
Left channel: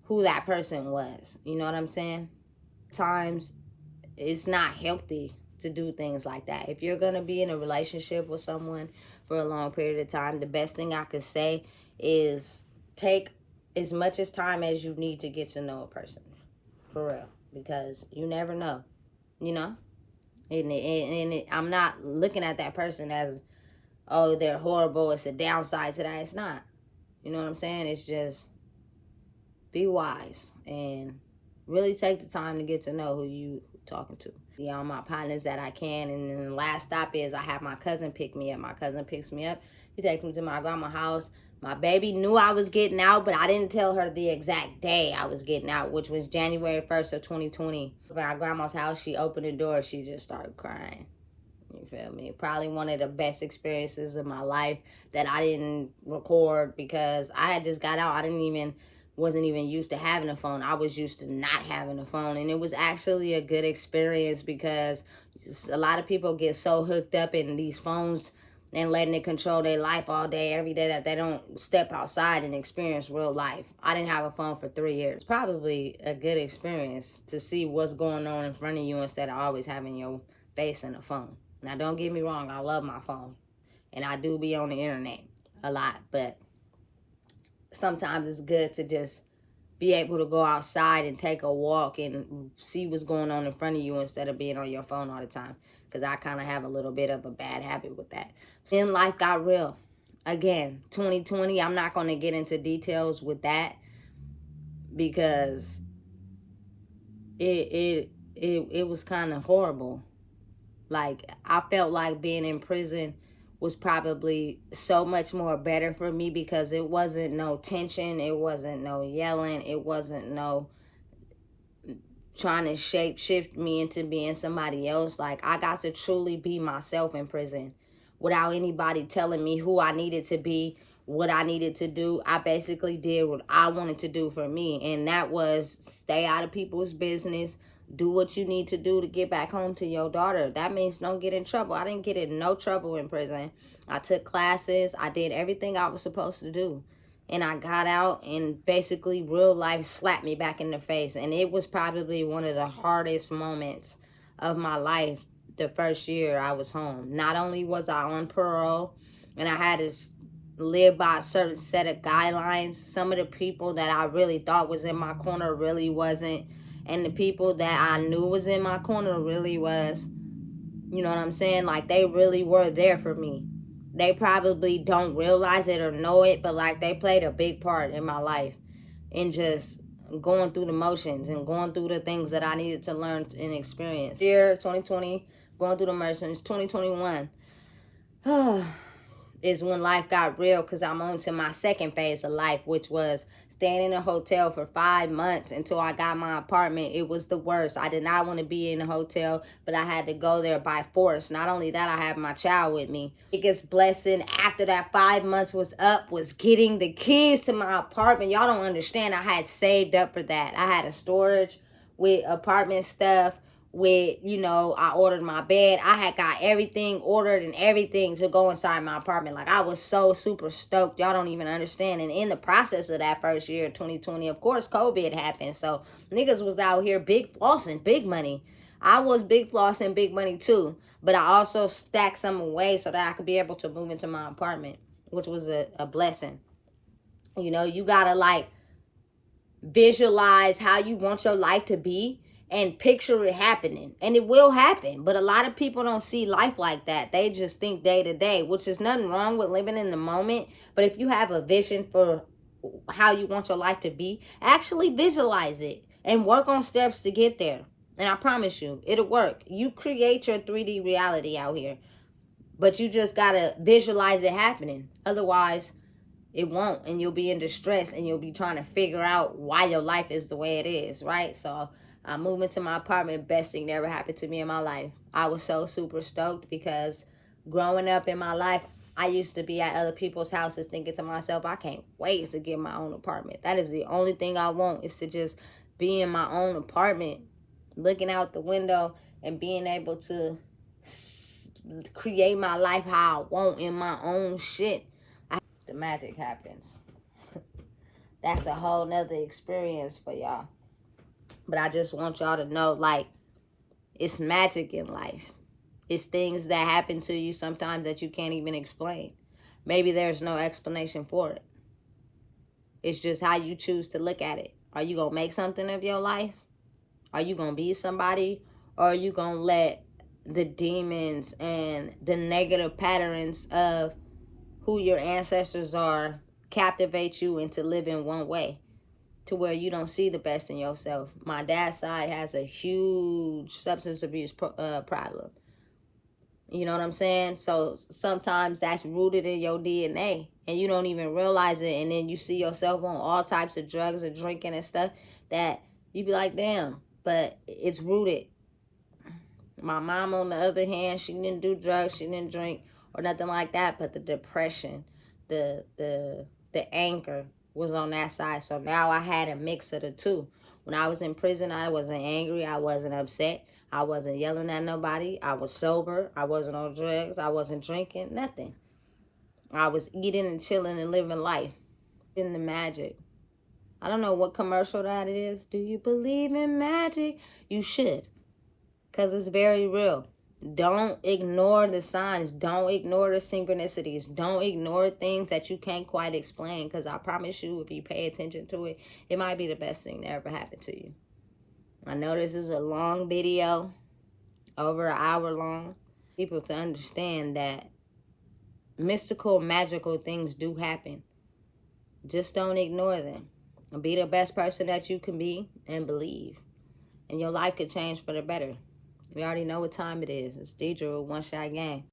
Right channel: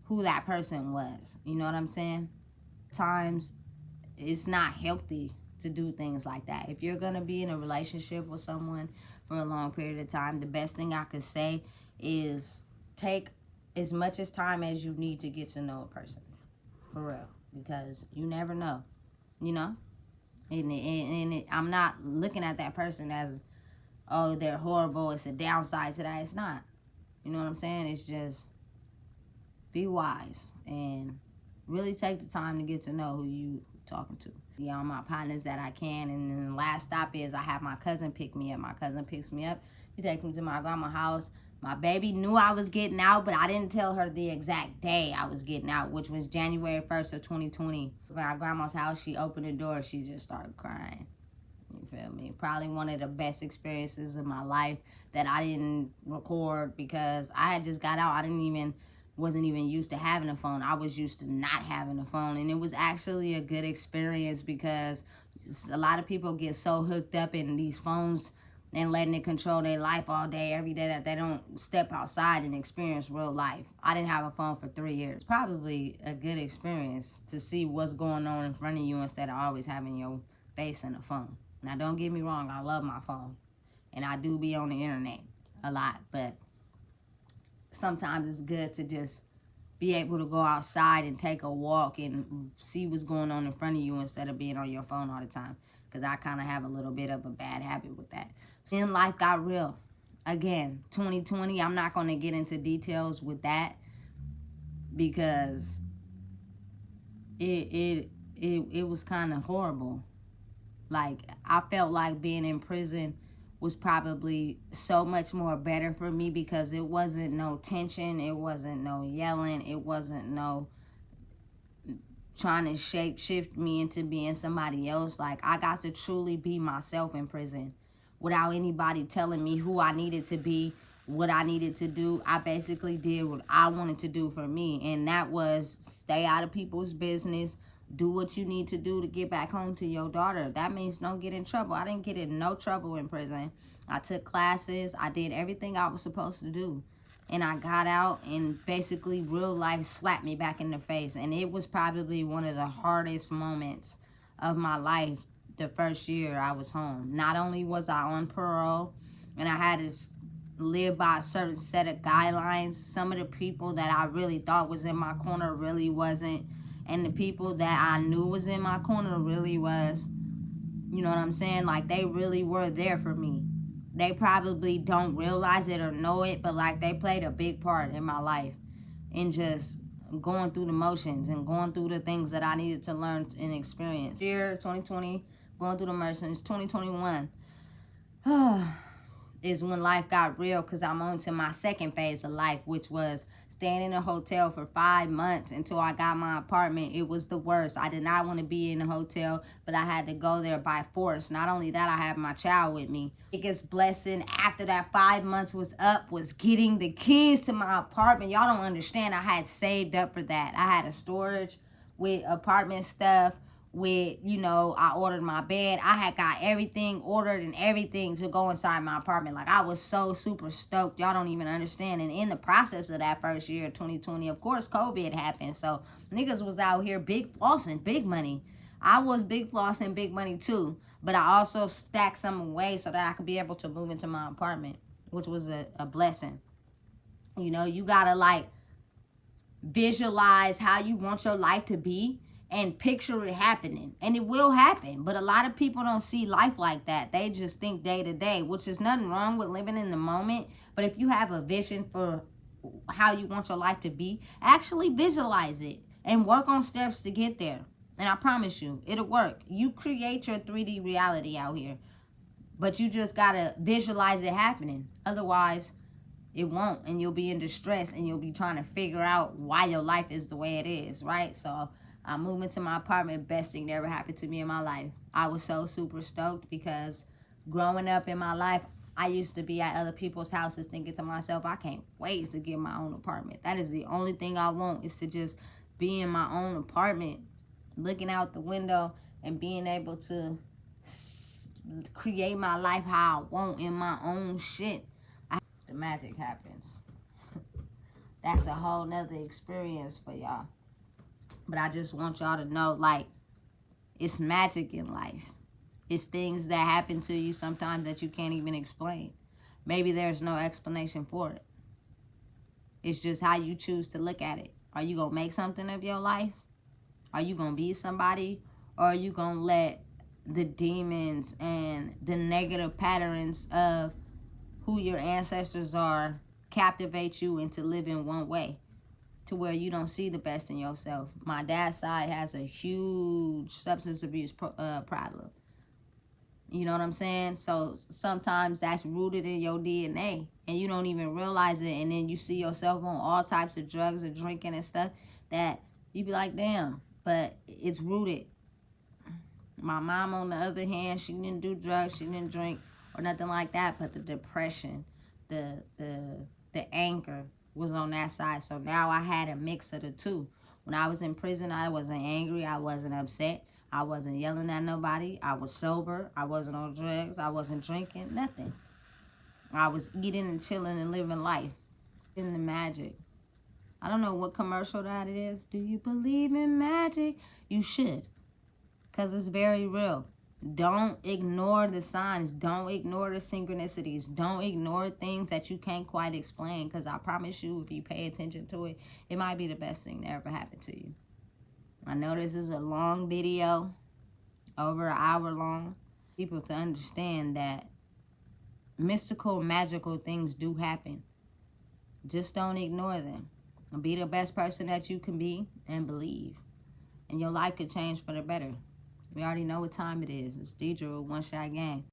who that person was. You know what I'm saying? Times it's not healthy to do things like that. If you're gonna be in a relationship with someone for a long period of time, the best thing I could say is take as much as time as you need to get to know a person, for real, because you never know, you know. And I'm not looking at that person as, oh, they're horrible. It's a downside to that. It's not. You know what I'm saying? It's just be wise and really take the time to get to know who you talking to. Yeah, all my partners that I can. And then the last stop is I have my cousin pick me up. My cousin picks me up. He takes me to my grandma's house. My baby knew I was getting out, but I didn't tell her the exact day I was getting out, which was January 1st of 2020. At my grandma's house, she opened the door. She just started crying. You feel me? Probably one of the best experiences of my life that I didn't record because I had just got out. Wasn't even used to having a phone. I was used to not having a phone. And it was actually a good experience because a lot of people get so hooked up in these phones and letting it control their life all day, every day, that they don't step outside and experience real life. I didn't have a phone for 3 years. It's probably a good experience to see what's going on in front of you instead of always having your face in a phone. Now, don't get me wrong. I love my phone. And I do be on the internet a lot. But sometimes it's good to just be able to go outside and take a walk and see what's going on in front of you instead of being on your phone all the time. Because I kind of have a little bit of a bad habit with that. Then life got real. Again, 2020, I'm not going to get into details with that because it was kind of horrible. Like, I felt like being in prison was probably so much more better for me because it wasn't no tension, it wasn't no yelling, it wasn't no trying to shift me into being somebody else. Like, I got to truly be myself in prison without anybody telling me who I needed to be, what I needed to do. I basically did what I wanted to do for me, and that was stay out of people's business, do what you need to do to get back home to your daughter. That means don't get in trouble. I didn't get in no trouble in prison. I took classes. I did everything I was supposed to do. And I got out and basically real life slapped me back in the face. And it was probably one of the hardest moments of my life the first year I was home. Not only was I on parole and I had to live by a certain set of guidelines, some of the people that I really thought was in my corner really wasn't. And the people that I knew was in my corner really was. You know what I'm saying? Like, they really were there for me. They probably don't realize it or know it, but like, they played a big part in my life in just going through the motions and going through the things that I needed to learn and experience. Year 2020, going through the motions. 2021. is when life got real, because I'm on to my second phase of life, which was staying in a hotel for 5 months until I got my apartment. It was the worst. I did not want to be in a hotel, but I had to go there by force. Not only that, I had my child with me. Biggest blessing after that 5 months was up was getting the keys to my apartment. Y'all don't understand. I had saved up for that. I had a storage with apartment stuff, with, you know, I ordered my bed. I had got everything ordered and everything to go inside my apartment. Like, I was so super stoked. Y'all don't even understand. And in the process of that first year, 2020, of course, COVID happened. So niggas was out here big flossing, big money. I was big flossing, big money too. But I also stacked some away so that I could be able to move into my apartment, which was a blessing. You know, you gotta like visualize how you want your life to be and picture it happening, and it will happen. But a lot of people don't see life like that. They just think day to day, which is nothing wrong with living in the moment. But if you have a vision for how you want your life to be, actually visualize it and work on steps to get there, and I promise you it'll work. You create your 3D reality out here, but you just gotta visualize it happening. Otherwise it won't, and you'll be in distress, and you'll be trying to figure out why your life is the way it is, right? So I moved into my apartment. Best thing that ever happened to me in my life. I was so super stoked, because growing up in my life, I used to be at other people's houses thinking to myself, I can't wait to get my own apartment. That is the only thing I want, is to just be in my own apartment, looking out the window and being able to create my life how I want in my own shit. The magic happens. That's a whole nother experience for y'all. But I just want y'all to know, like, it's magic in life. It's things that happen to you sometimes that you can't even explain. Maybe there's no explanation for it. It's just how you choose to look at it. Are you going to make something of your life? Are you going to be somebody? Or are you going to let the demons and the negative patterns of who your ancestors are captivate you into living one way, to where you don't see the best in yourself? My dad's side has a huge substance abuse problem. You know what I'm saying? So sometimes that's rooted in your DNA and you don't even realize it. And then you see yourself on all types of drugs and drinking and stuff that you be like, damn, but it's rooted. My mom, on the other hand, she didn't do drugs, she didn't drink or nothing like that, but the depression, the anger was on that side. So now I had a mix of the two. When I was in prison, I wasn't angry, I wasn't upset, I wasn't yelling at nobody, I was sober, I wasn't on drugs, I wasn't drinking, nothing. I was eating and chilling and living life. In the magic. I don't know what commercial that is. Do you believe in magic? You should, because it's very real. Don't ignore the signs. Don't ignore the synchronicities. Don't ignore things that you can't quite explain, because I promise you, if you pay attention to it, it might be the best thing that ever happened to you. I know this is a long video, over an hour long. People to understand that mystical, magical things do happen. Just don't ignore them. Be the best person that you can be and believe. And your life could change for the better. We already know what time it is. It's Deidre with One Shot Game.